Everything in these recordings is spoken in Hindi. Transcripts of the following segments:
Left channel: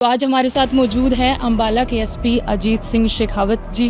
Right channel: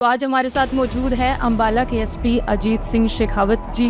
तो आज हमारे साथ मौजूद हैं अम्बाला के एसपी अजीत सिंह शेखावत जी।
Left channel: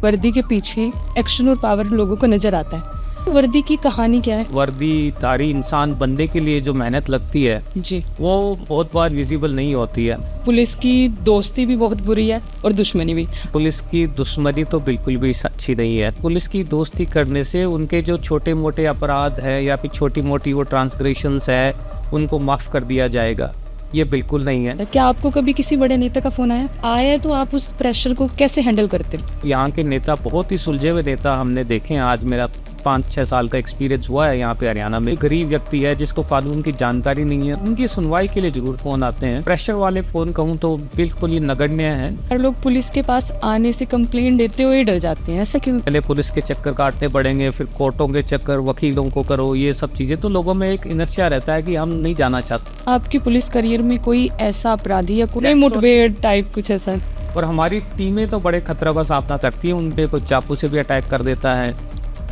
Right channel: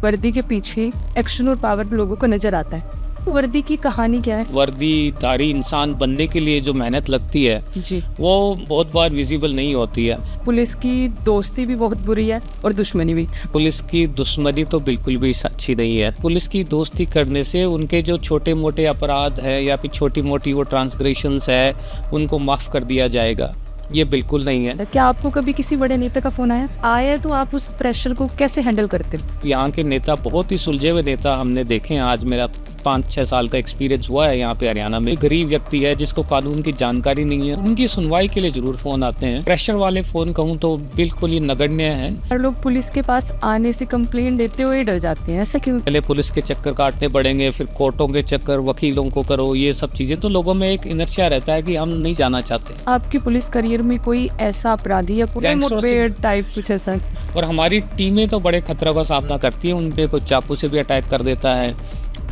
वर्दी के पीछे एक्शन और पावर लोगों को नजर आता है। वर्दी की कहानी क्या है? वर्दीधारी इंसान बनने के लिए जो मेहनत लगती है जी, वो बहुत बार विजिबल नहीं होती है। पुलिस की दोस्ती भी बहुत बुरी है और दुश्मनी भी। पुलिस की दुश्मनी तो बिल्कुल भी अच्छी नहीं है। पुलिस की दोस्ती करने से उनके जो छोटे मोटे अपराध है या फिर छोटी मोटी वो ट्रांसग्रेशंस है उनको माफ़ कर दिया जाएगा, ये बिल्कुल नहीं है। क्या आपको कभी किसी बड़े नेता का फोन आया तो आप उस प्रेशर को कैसे हैंडल करते हो? यहाँ के नेता बहुत ही सुलझे हुए नेता हमने देखे हैं। आज मेरा 5-6 साल का एक्सपीरियंस हुआ है यहाँ पे हरियाणा में। गरीब व्यक्ति है जिसको कानून की जानकारी नहीं है, उनकी सुनवाई के लिए जरूर फोन आते हैं। प्रेशर वाले फोन कहूँ तो बिल्कुल ही नगण्य है। हर लोग पुलिस के पास आने से कंप्लेंट देते हुए डर जाते हैं, ऐसा क्यों? पहले पुलिस के चक्कर काटने पड़ेंगे, फिर कोर्टों के चक्कर, वकीलों को करो, ये सब चीजें, तो लोगों में एक इनर्शिया रहता है कि हम नहीं जाना चाहते। आपकी पुलिस करियर में कोई ऐसा अपराधी या कोई मुठभेड़ टाइप कुछ ऐसा? और हमारी टीमें तो बड़े खतरों का सामना करती है। उन पे कोई चाकू से भी अटैक कर देता है,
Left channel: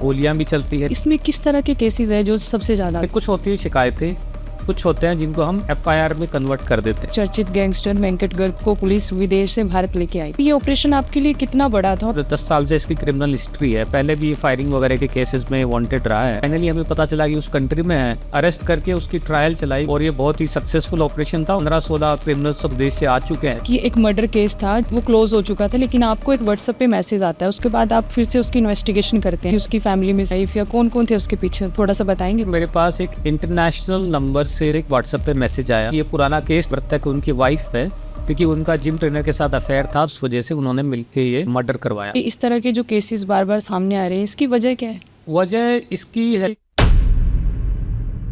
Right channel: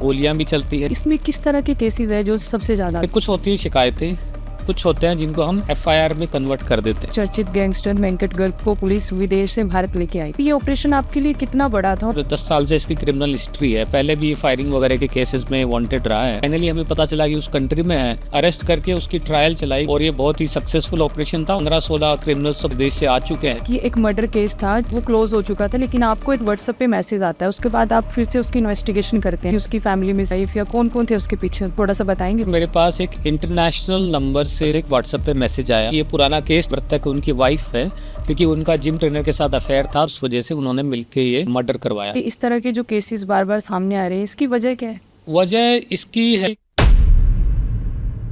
गोलियां भी चलती है। इसमें किस तरह के केसेस है जो सबसे ज्यादा? कुछ होती है शिकायतें, कुछ होते हैं जिनको हम FIR में कन्वर्ट कर देते हैं। चर्चित गैंगस्टर वेंकट गर्ग को पुलिस विदेश से भारत लेके आई। ये ऑपरेशन आपके लिए कितना बड़ा था? 10 साल से इसकी क्रिमिनल हिस्ट्री है। पहले भी फायरिंग वगैरह के केसेस में वांटेड रहा है। फाइनली हमें पता चला कि उस कंट्री में है, अरेस्ट करके उसकी ट्रायल चलाई और ये बहुत ही सक्सेसफुल ऑपरेशन था। 15-16 क्रिमिनल्स विदेश से आ चुके हैं। कि एक मर्डर केस था, वो क्लोज हो चुका था, लेकिन आपको एक व्हाट्सएप पे मैसेज आता है, उसके बाद आप फिर से उसकी इन्वेस्टिगेशन करते हैं। उसकी फैमिली में वाइफ या कौन कौन थे उसके पीछे, थोड़ा सा बताएंगे? मेरे पास एक इंटरनेशनल नंबर से एक व्हाट्सएप पे मैसेज आया। ये पुराना केस तक उनकी वाइफ है, क्योंकि उनका जिम ट्रेनर के साथ अफेयर था, उस वजह से उन्होंने मिलकर ये मर्डर करवाया। इस तरह के जो केसेस बार बार सामने आ रहे हैं, इसकी वजह क्या है? वजह इसकी है,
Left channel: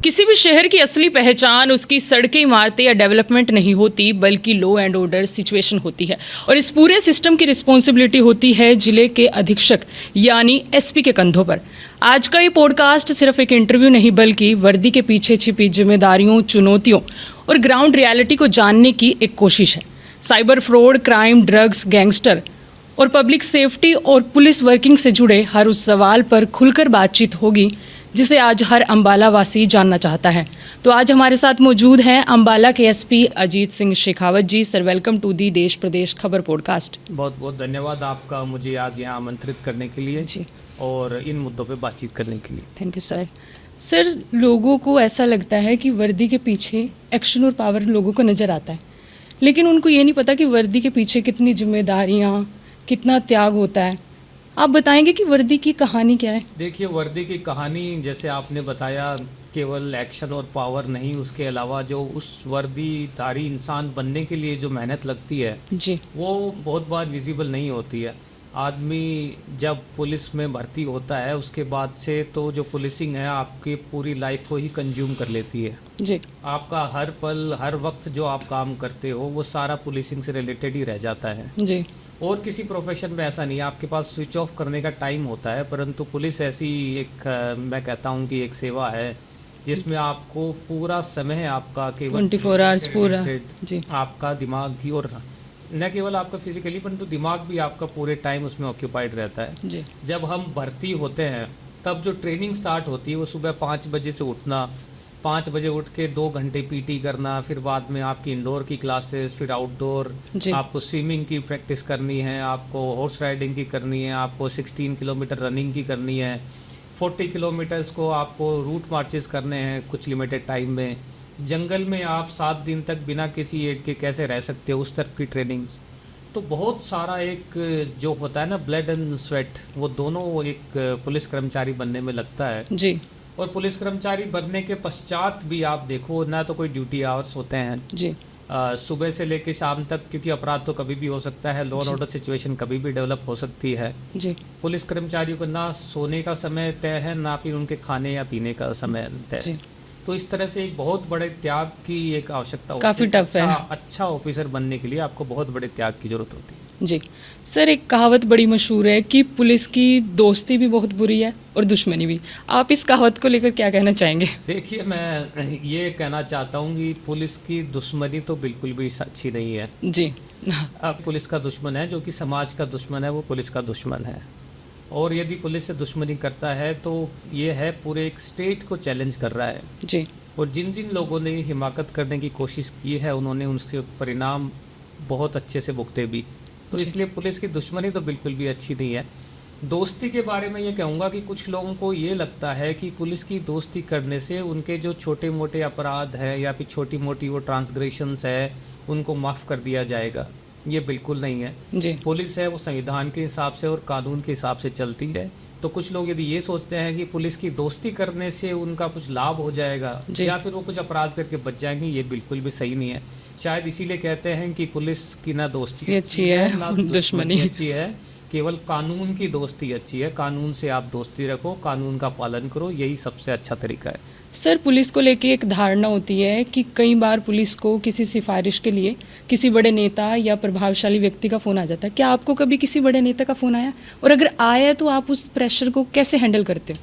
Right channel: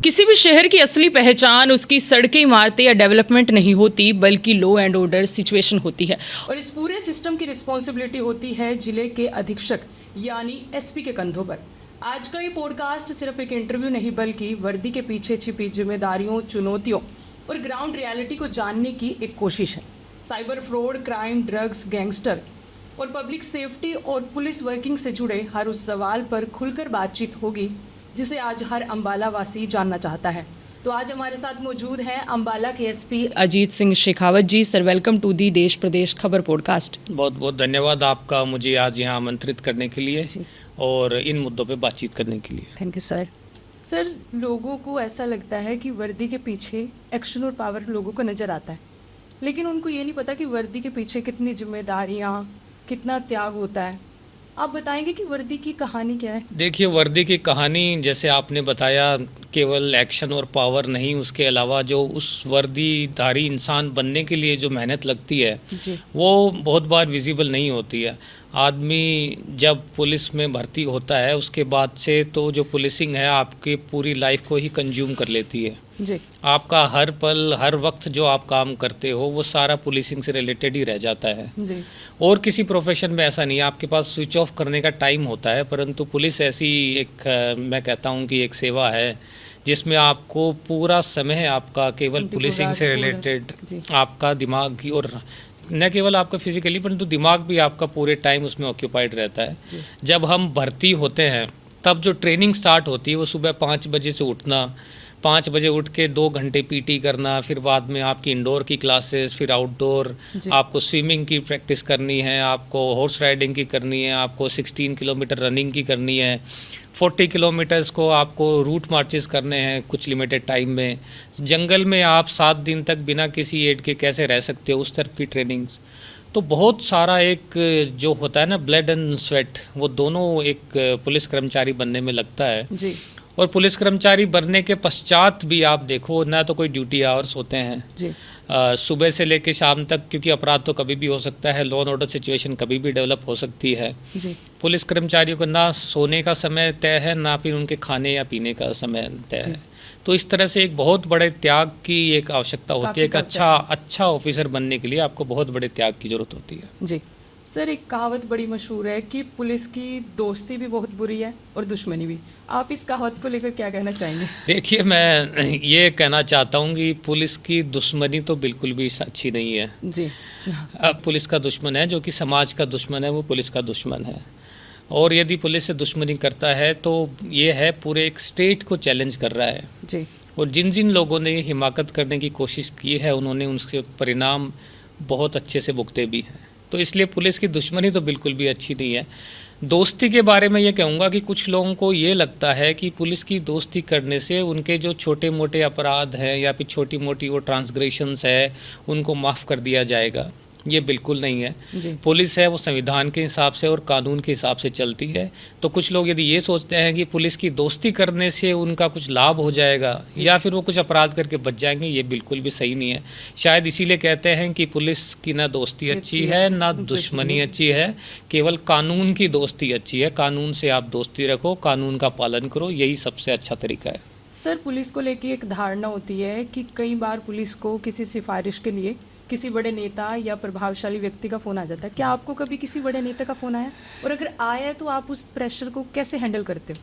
किसी भी शहर की असली पहचान उसकी सड़कें, इमारतें या डेवलपमेंट नहीं होती, बल्कि लॉ एंड ऑर्डर सिचुएशन होती है। और इस पूरे सिस्टम की रिस्पॉन्सिबिलिटी होती है जिले के अधीक्षक यानी SP के कंधों पर। आज का ये पॉडकास्ट सिर्फ एक इंटरव्यू नहीं, बल्कि वर्दी के पीछे छिपी जिम्मेदारियों, चुनौतियों और ग्राउंड रियलिटी को जानने की एक कोशिश है। Cyber fraud, crime, drugs, gangster और पब्लिक सेफ्टी और पुलिस वर्किंग से जुड़े हर उस सवाल पर खुलकर बातचीत होगी जिसे आज हर अम्बाला वासी जानना चाहता है। तो आज हमारे साथ मौजूद हैं अम्बाला के SP Ajit Singh Shekhawat ji. Sir, welcome to the Desh Pradesh खबर पॉडकास्ट। बहुत बहुत धन्यवाद आपका मुझे आज यहाँ आमंत्रित करने के लिए जी, और इन मुद्दों पे बातचीत करने के लिए। Thank you sir. सर, लोगों को ऐसा लगता है कि वर्दी के पीछे एक्शन और पावर लोगों को नज़र आता है, लेकिन उनको ये नहीं पता कि वर्दी के पीछे कितनी जिम्मेदारियाँ, कितना त्याग होता है। आप बताएंगे कि वर्दी की कहानी क्या है? देखिए, वर्दी की कहानी जैसे आपने बताया, केवल एक्शन और पावर नहीं, उसके अलावा जो उस वर्दीधारी इंसान बनने के लिए जो मेहनत लगती है जी, वो बहुत बार विजिबल नहीं होती है। आदमी जब पुलिस में भर्ती होता है उसके बाद से तो जो पुलिसिंग है आपकी पूरी लाइफ को ही कंज्यूम कर लेती है। जी, आपका हर पल, हर वक्त जो आप काम करते हो वो सारा पुलिसिंग से रिलेटेड ही रह जाता है। जी, और किसी प्रोफेशन में ऐसा नहीं है, आपके पास स्विच ऑफ करने का टाइम होता है, परंतु पुलिस ऐसी एक मैं कहता हूँ कि एक सेवा है जिसमें आपको पूरा समय आपका केवल 24 पुलिसिंग hours से पूरा। जी। रिलेटेड, आपका दिमाग की, और न केवल आपका फिजिकली परंतु दिमाग भी आपका पूरे टाइम उसमें ऑक्यूपाइड रहता है। जी, जब हम भर्ती होते हैं तब जो ट्रेनिंग स्टार्ट होती है वो सुबह 5 बजे से उठना, 5 बजे उठ के 2 घंटे PT करना, फिर बाद में आपकी इंडोर की क्लासेस, फिर आउटडोर, जी, आपको स्विमिंग की प्रैक्टिस करनी है, आपको हॉर्स राइडिंग की करनी है, आपको 16 किलोमीटर रनिंग की करनी है, 40 किलोमीटर्स को आपको रूट मार्चेस करने हैं कुछ लिमिटेड टाइम में। जंगल में आप 7 दिन तक बिना किसी एड के कैसे रह सकते हो, उस तरह की ट्रेनिंग्स। तो बहुत सारा एक जो होता है ना, ब्लड एंड स्वेट, वो दोनों एक पुलिस कर्मचारी बनने में लगता है। जी, और पुलिस कर्मचारी बनने के पश्चात भी आप देखो ना, तो कोई ड्यूटी आवर्स होते हैं जी, सुबह से लेकर शाम तक, क्योंकि अपराध तो कभी भी हो सकता है, लॉ एंड ऑर्डर सिचुएशन कभी भी डेवलप हो सकती है। जी, पुलिस कर्मचारियों का ना सोने का समय तय है, ना फिर उनके खाने या पीने का समय तय है। तो इस तरह से एक बहुत बड़े त्याग की एक आवश्यकता होती काफी है। एक टफ है। अच्छा ऑफिसर बनने के लिए आपको बहुत बड़े त्याग की जरूरत होती है। जी। सर, एक कहावत बड़ी मशहूर है कि पुलिस की दोस्ती भी बहुत बुरी है और दुश्मनी भी। आप इस कहावत को लेकर क्या कहना चाहेंगे? देखिए, मैं ये कहना चाहता हूँ कि पुलिस की दुश्मनी तो बिल्कुल भी अच्छी नहीं है। जी, पुलिस का दुश्मन है, जो कि समाज का दुश्मन है, वो पुलिस का दुश्मन है। और यदि पुलिस से दुश्मनी करता है तो ये है पूरे एक स्टेट को चैलेंज कर रहा है। जी, और जिन जिन लोगों ने हिमाकत करने की कोशिश की है उन्होंने उनसे परिणाम बहुत अच्छे से भुगते भी हैं। तो इसलिए पुलिस की दुश्मनी तो बिल्कुल भी अच्छी नहीं है। दोस्ती के बारे में ये कहूँगा कि कुछ लोगों को ये लगता है कि पुलिस की दोस्ती करने से उनके जो छोटे मोटे अपराध हैं या फिर छोटी मोटी वो ट्रांसग्रेशंस है उनको माफ़ कर दिया जाएगा। ये बिल्कुल नहीं है। जी पुलिस है वो संविधान के हिसाब से और कानून के हिसाब से चलती है। तो कुछ लोग यदि ये सोचते हैं कि पुलिस की दोस्ती करने से उनका कुछ लाभ हो जाएगा या फिर वो कुछ अपराध करके बच जाएंगे, ये बिल्कुल भी सही नहीं है। शायद इसीलिए कहते हैं कि पुलिस की ना दोस्ती अच्छी है ना दुश्मनी अच्छी है, केवल कानून की दोस्ती अच्छी है। कानून से आप दोस्ती रखो, कानून का पालन करो, यही सबसे अच्छा तरीका है। सर, पुलिस को लेके एक धारणा होती है कि कई बार पुलिस को किसी सिफारिश के लिए किसी बड़े नेता या प्रभावशाली व्यक्ति का फ़ोन आ जाता है। क्या आपको कभी किसी बड़े नेता का फ़ोन आया, और अगर आया तो आप उस प्रेशर को कैसे हैंडल करते हो?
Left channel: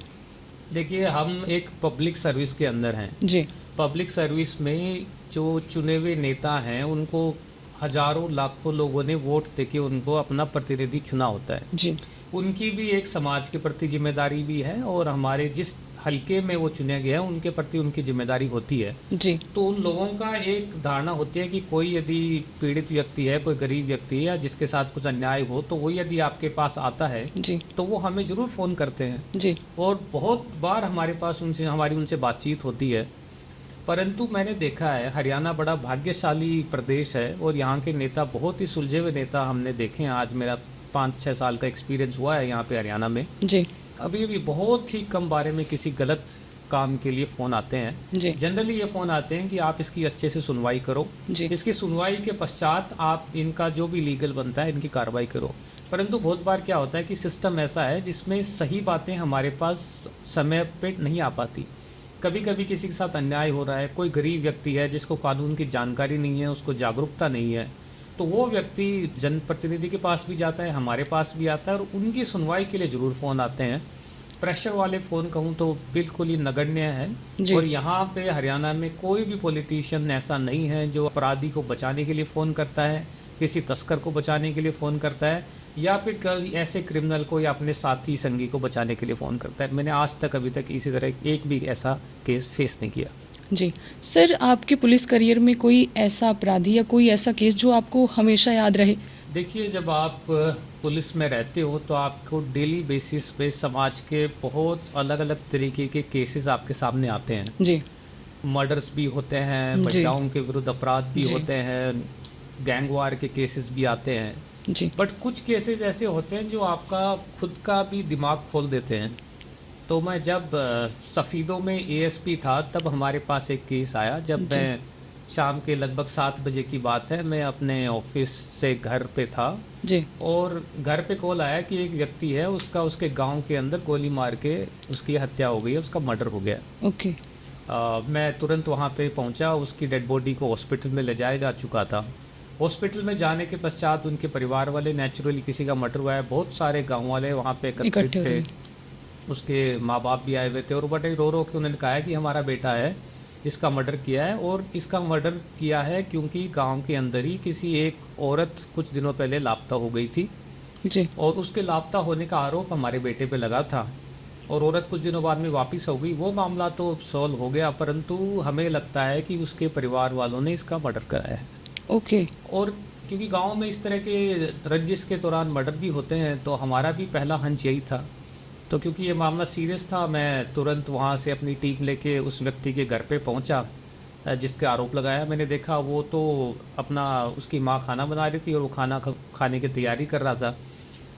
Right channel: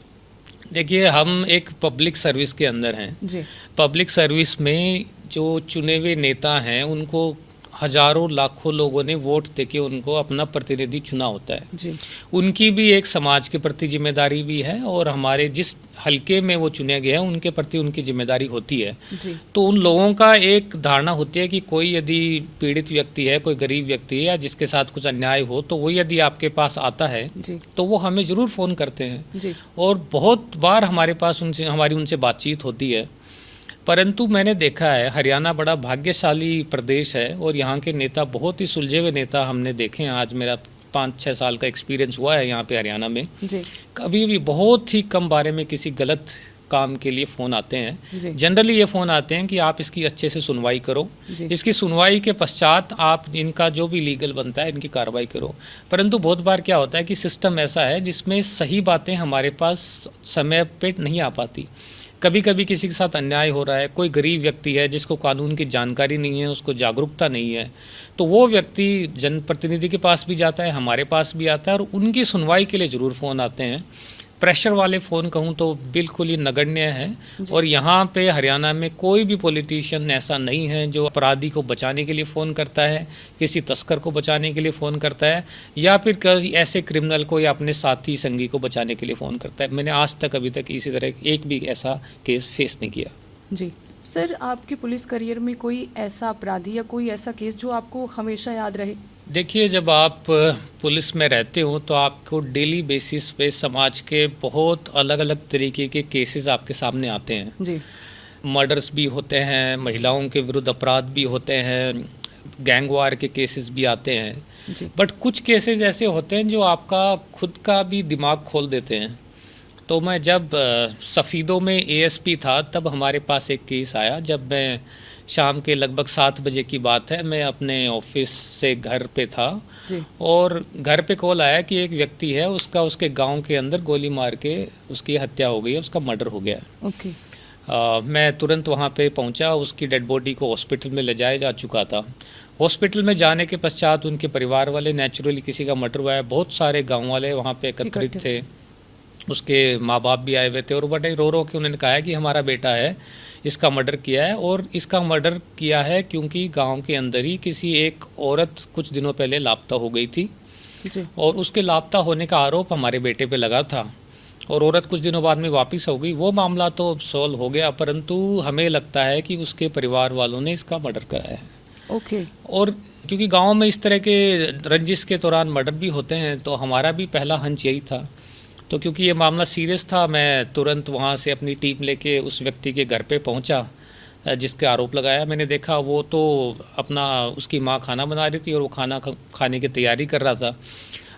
देखिए, हम एक पब्लिक सर्विस के अंदर हैं। जी पब्लिक सर्विस में जो चुने हुए नेता हैं उनको हजारों लाखों लोगों ने वोट देके उनको अपना प्रतिनिधि चुना होता है। जी उनकी भी एक समाज के प्रति जिम्मेदारी भी है और हमारे जिस हल्के में वो चुने गए हैं उनके प्रति उनकी जिम्मेदारी होती है। जी तो उन लोगों का एक धारणा होती है कि कोई यदि पीड़ित व्यक्ति है, कोई गरीब व्यक्ति है या जिसके साथ कुछ अन्याय हो तो वो यदि आपके पास आता है जी तो वो हमें ज़रूर फ़ोन करते हैं जी और बहुत बार हमारे पास हमारी उनसे बातचीत होती है। परंतु मैंने देखा है हरियाणा बड़ा भाग्यशाली प्रदेश है और यहाँ के नेता बहुत ही सुलझे हुए नेता हमने देखे हैं। आज मेरा 5-6 साल का एक्सपीरियंस हुआ है यहाँ पे हरियाणा में। जी कभी भी बहुत ही कम बारे में किसी गलत काम के लिए फ़ोन आते हैं। जी जनरली ये फ़ोन आते हैं कि आप इसकी अच्छे से सुनवाई करो, जी इसकी सुनवाई के पश्चात आप इनका जो भी लीगल बनता है इनकी कार्रवाई करो। परंतु बहुत बार क्या होता है कि सिस्टम ऐसा है जिसमें सही बातें हमारे पास समय पे नहीं आ पाती। कभी कभी किसी के साथ अन्याय हो रहा है, कोई गरीब व्यक्ति है जिसको कानून की जानकारी नहीं है, उसको जागरूकता नहीं है, तो वो व्यक्ति जनप्रतिनिधि के पास भी जाता है, हमारे पास भी आता है और उनकी सुनवाई के लिए ज़रूर फ़ोन आते हैं। प्रेशर वाले फ़ोन कहूँ तो बिल्कुल ही नगण्य है। और यहाँ पे हरियाणा में कोई भी पॉलिटिशियन ऐसा नहीं है जो अपराधी को बचाने के लिए फ़ोन करता है, किसी तस्कर को बचाने के लिए फ़ोन करता है या फिर किसी ऐसे क्रिमिनल को या अपने साथी संगी को बचाने के लिए फ़ोन करता है। मैंने आज तक अभी तक इसी तरह एक भी ऐसा केस फेस नहीं किया। जी सर, आपके पुलिस करियर में कोई ऐसा अपराधी या कोई ऐसा केस जो आपको हमेशा याद रहे? देखिए, जब आप पुलिस में रहते हो तो आपको डेली बेसिस पे समाज के बहुत अलग अलग तरीके के केसेस आपके सामने आते हैं। जी मर्डर्स भी होते हैं, महिलाओं के विरुद्ध अपराध भी होते हैं, गैंगवार के केसेस भी आते हैं। जी बट कुछ केसेस ऐसे होते हैं जो आपका खुद का भी दिमाग खोल देते हैं। तो मैं जब सफ़ीदों में एएसपी था तब हमारे पास एक केस आया। जब मैं शाम के लगभग 7 बजे की बात है, मैं अपने ऑफिस से घर पे था जी और घर पे कॉल आया कि एक व्यक्ति है उसका उसके गांव के अंदर गोली मार के उसकी हत्या हो गई है, उसका मर्डर हो गया है। ओके मैं तुरंत वहाँ पे पहुँचा, उसकी डेड बॉडी को हॉस्पिटल में ले जाया जा चुका था। हॉस्पिटल में जाने के पश्चात उनके परिवार वाले, नेचुरली किसी का मर्डर हुआ है, बहुत सारे गाँव वाले वहाँ पे एकत्रित थे। उसके माँ बाप भी आए हुए थे और बड़े रो रो के उन्होंने कहा है कि हमारा बेटा है, इसका मर्डर किया है। और इसका मर्डर किया है क्योंकि गांव के अंदर ही किसी एक औरत कुछ दिनों पहले लापता हो गई थी जी और उसके लापता होने का आरोप हमारे बेटे पे लगा था और औरत कुछ दिनों बाद में वापस हो गई। वो मामला तो सॉल्व हो गया, परंतु हमें लगता है कि उसके परिवार वालों ने इसका मर्डर कराया है। ओके और क्योंकि गाँव में इस तरह के रंजिश के दौरान मर्डर भी होते हैं तो हमारा भी पहला हंच यही था। तो क्योंकि ये मामला सीरियस था, मैं तुरंत वहाँ से अपनी टीम लेके उस व्यक्ति के घर पे पहुँचा जिसके आरोप लगाया। मैंने देखा वो तो अपना उसकी माँ खाना बना रही थी और वो खाना खाने की तैयारी कर रहा था।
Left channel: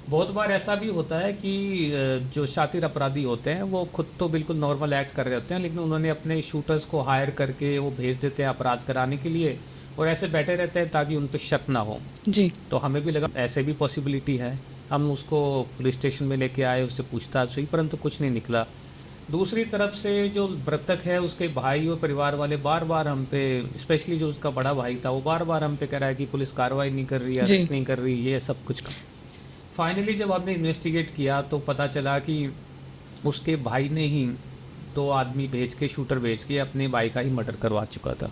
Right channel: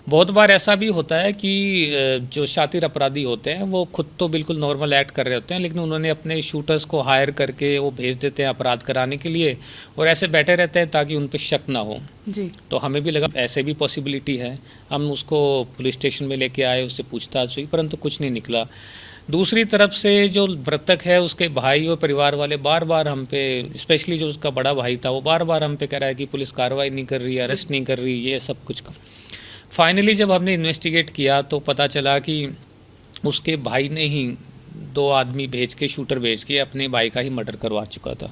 बहुत बार ऐसा भी होता है कि जो शातिर अपराधी होते हैं वो खुद तो बिल्कुल नॉर्मल एक्ट कर रहे होते हैं, लेकिन उन्होंने अपने शूटर्स को हायर करके वो भेज देते हैं अपराध कराने के लिए और ऐसे बैठे रहते हैं ताकि उन पर शक ना हो। जी तो हमें भी लगा ऐसे भी पॉसिबिलिटी है। हम उसको पुलिस स्टेशन में लेके आए, उससे पूछताछ हुई, परंतु कुछ नहीं निकला। दूसरी तरफ से जो मृतक है उसके भाई और परिवार वाले बार बार हम पे, स्पेशली जो उसका बड़ा भाई था, वो बार बार हम पे कह रहा है कि पुलिस कार्रवाई नहीं कर रही है, अरेस्ट नहीं कर रही, ये सब कुछ। फाइनली जब हमने इन्वेस्टिगेट किया तो पता चला कि उसके भाई ने ही 2 आदमी भेज के, शूटर भेज के अपने भाई का ही मर्डर करवा चुका था।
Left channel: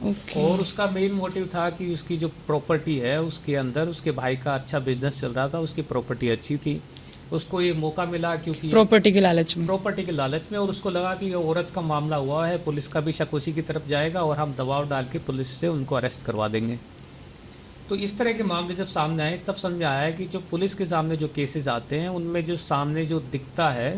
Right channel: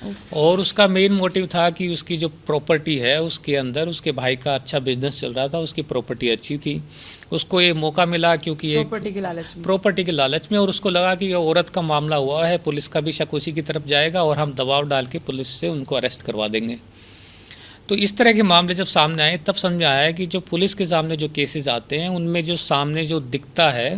ओके। और उसका मेन मोटिव था कि उसकी जो प्रॉपर्टी है उसके अंदर उसके भाई का अच्छा बिजनेस चल रहा था, उसकी प्रॉपर्टी अच्छी थी, उसको ये मौका मिला क्योंकि प्रॉपर्टी के लालच में। प्रॉपर्टी के लालच में, और उसको लगा कि ये औरत का मामला हुआ है, पुलिस का भी शक उसी की तरफ जाएगा और हम दबाव डाल के पुलिस से उनको अरेस्ट करवा देंगे। तो इस तरह के मामले जब सामने आए तब समझ में आया कि जो पुलिस के सामने जो केसेस आते हैं उनमें जो सामने जो दिखता है,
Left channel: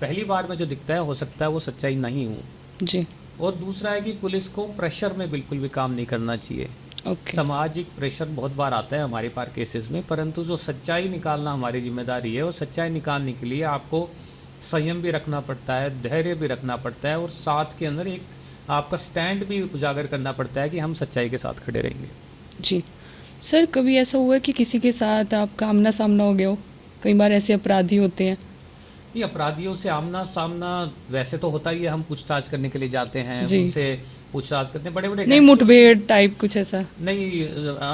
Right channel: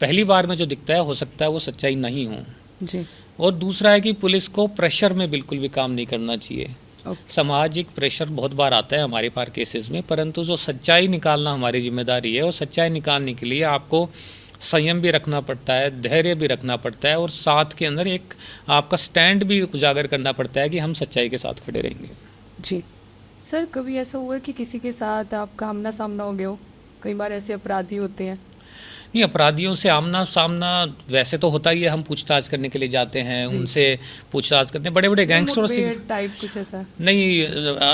पहली बार में जो दिखता है, हो सकता है वो सच्चाई नहीं हो। जी। और दूसरा है कि पुलिस को प्रेशर में बिल्कुल भी काम नहीं करना चाहिए। ओके। सामाजिक प्रेशर बहुत बार आता है हमारे पास केसेस में, परंतु जो सच्चाई निकालना हमारी जिम्मेदारी है, और सच्चाई निकालने के लिए आपको संयम भी रखना पड़ता है, धैर्य भी रखना पड़ता है, और साथ के अंदर एक आपका स्टैंड भी उजागर करना पड़ता है कि हम सच्चाई के साथ खड़े रहेंगे। जी। सर, कभी ऐसा हुआ है कि किसी के साथ आपका आमना सामना हो गया हो? कई बार ऐसे अपराधी होते हैं। नहीं, अपराधियों से आमना सामना वैसे तो होता ही है, हम पूछताछ करने के लिए जाते हैं, जी। उनसे पूछताछ करते हैं, बड़े बड़े नहीं, गैंगस्टरों से। मुठभेड़ टाइप कुछ ऐसा? नहीं,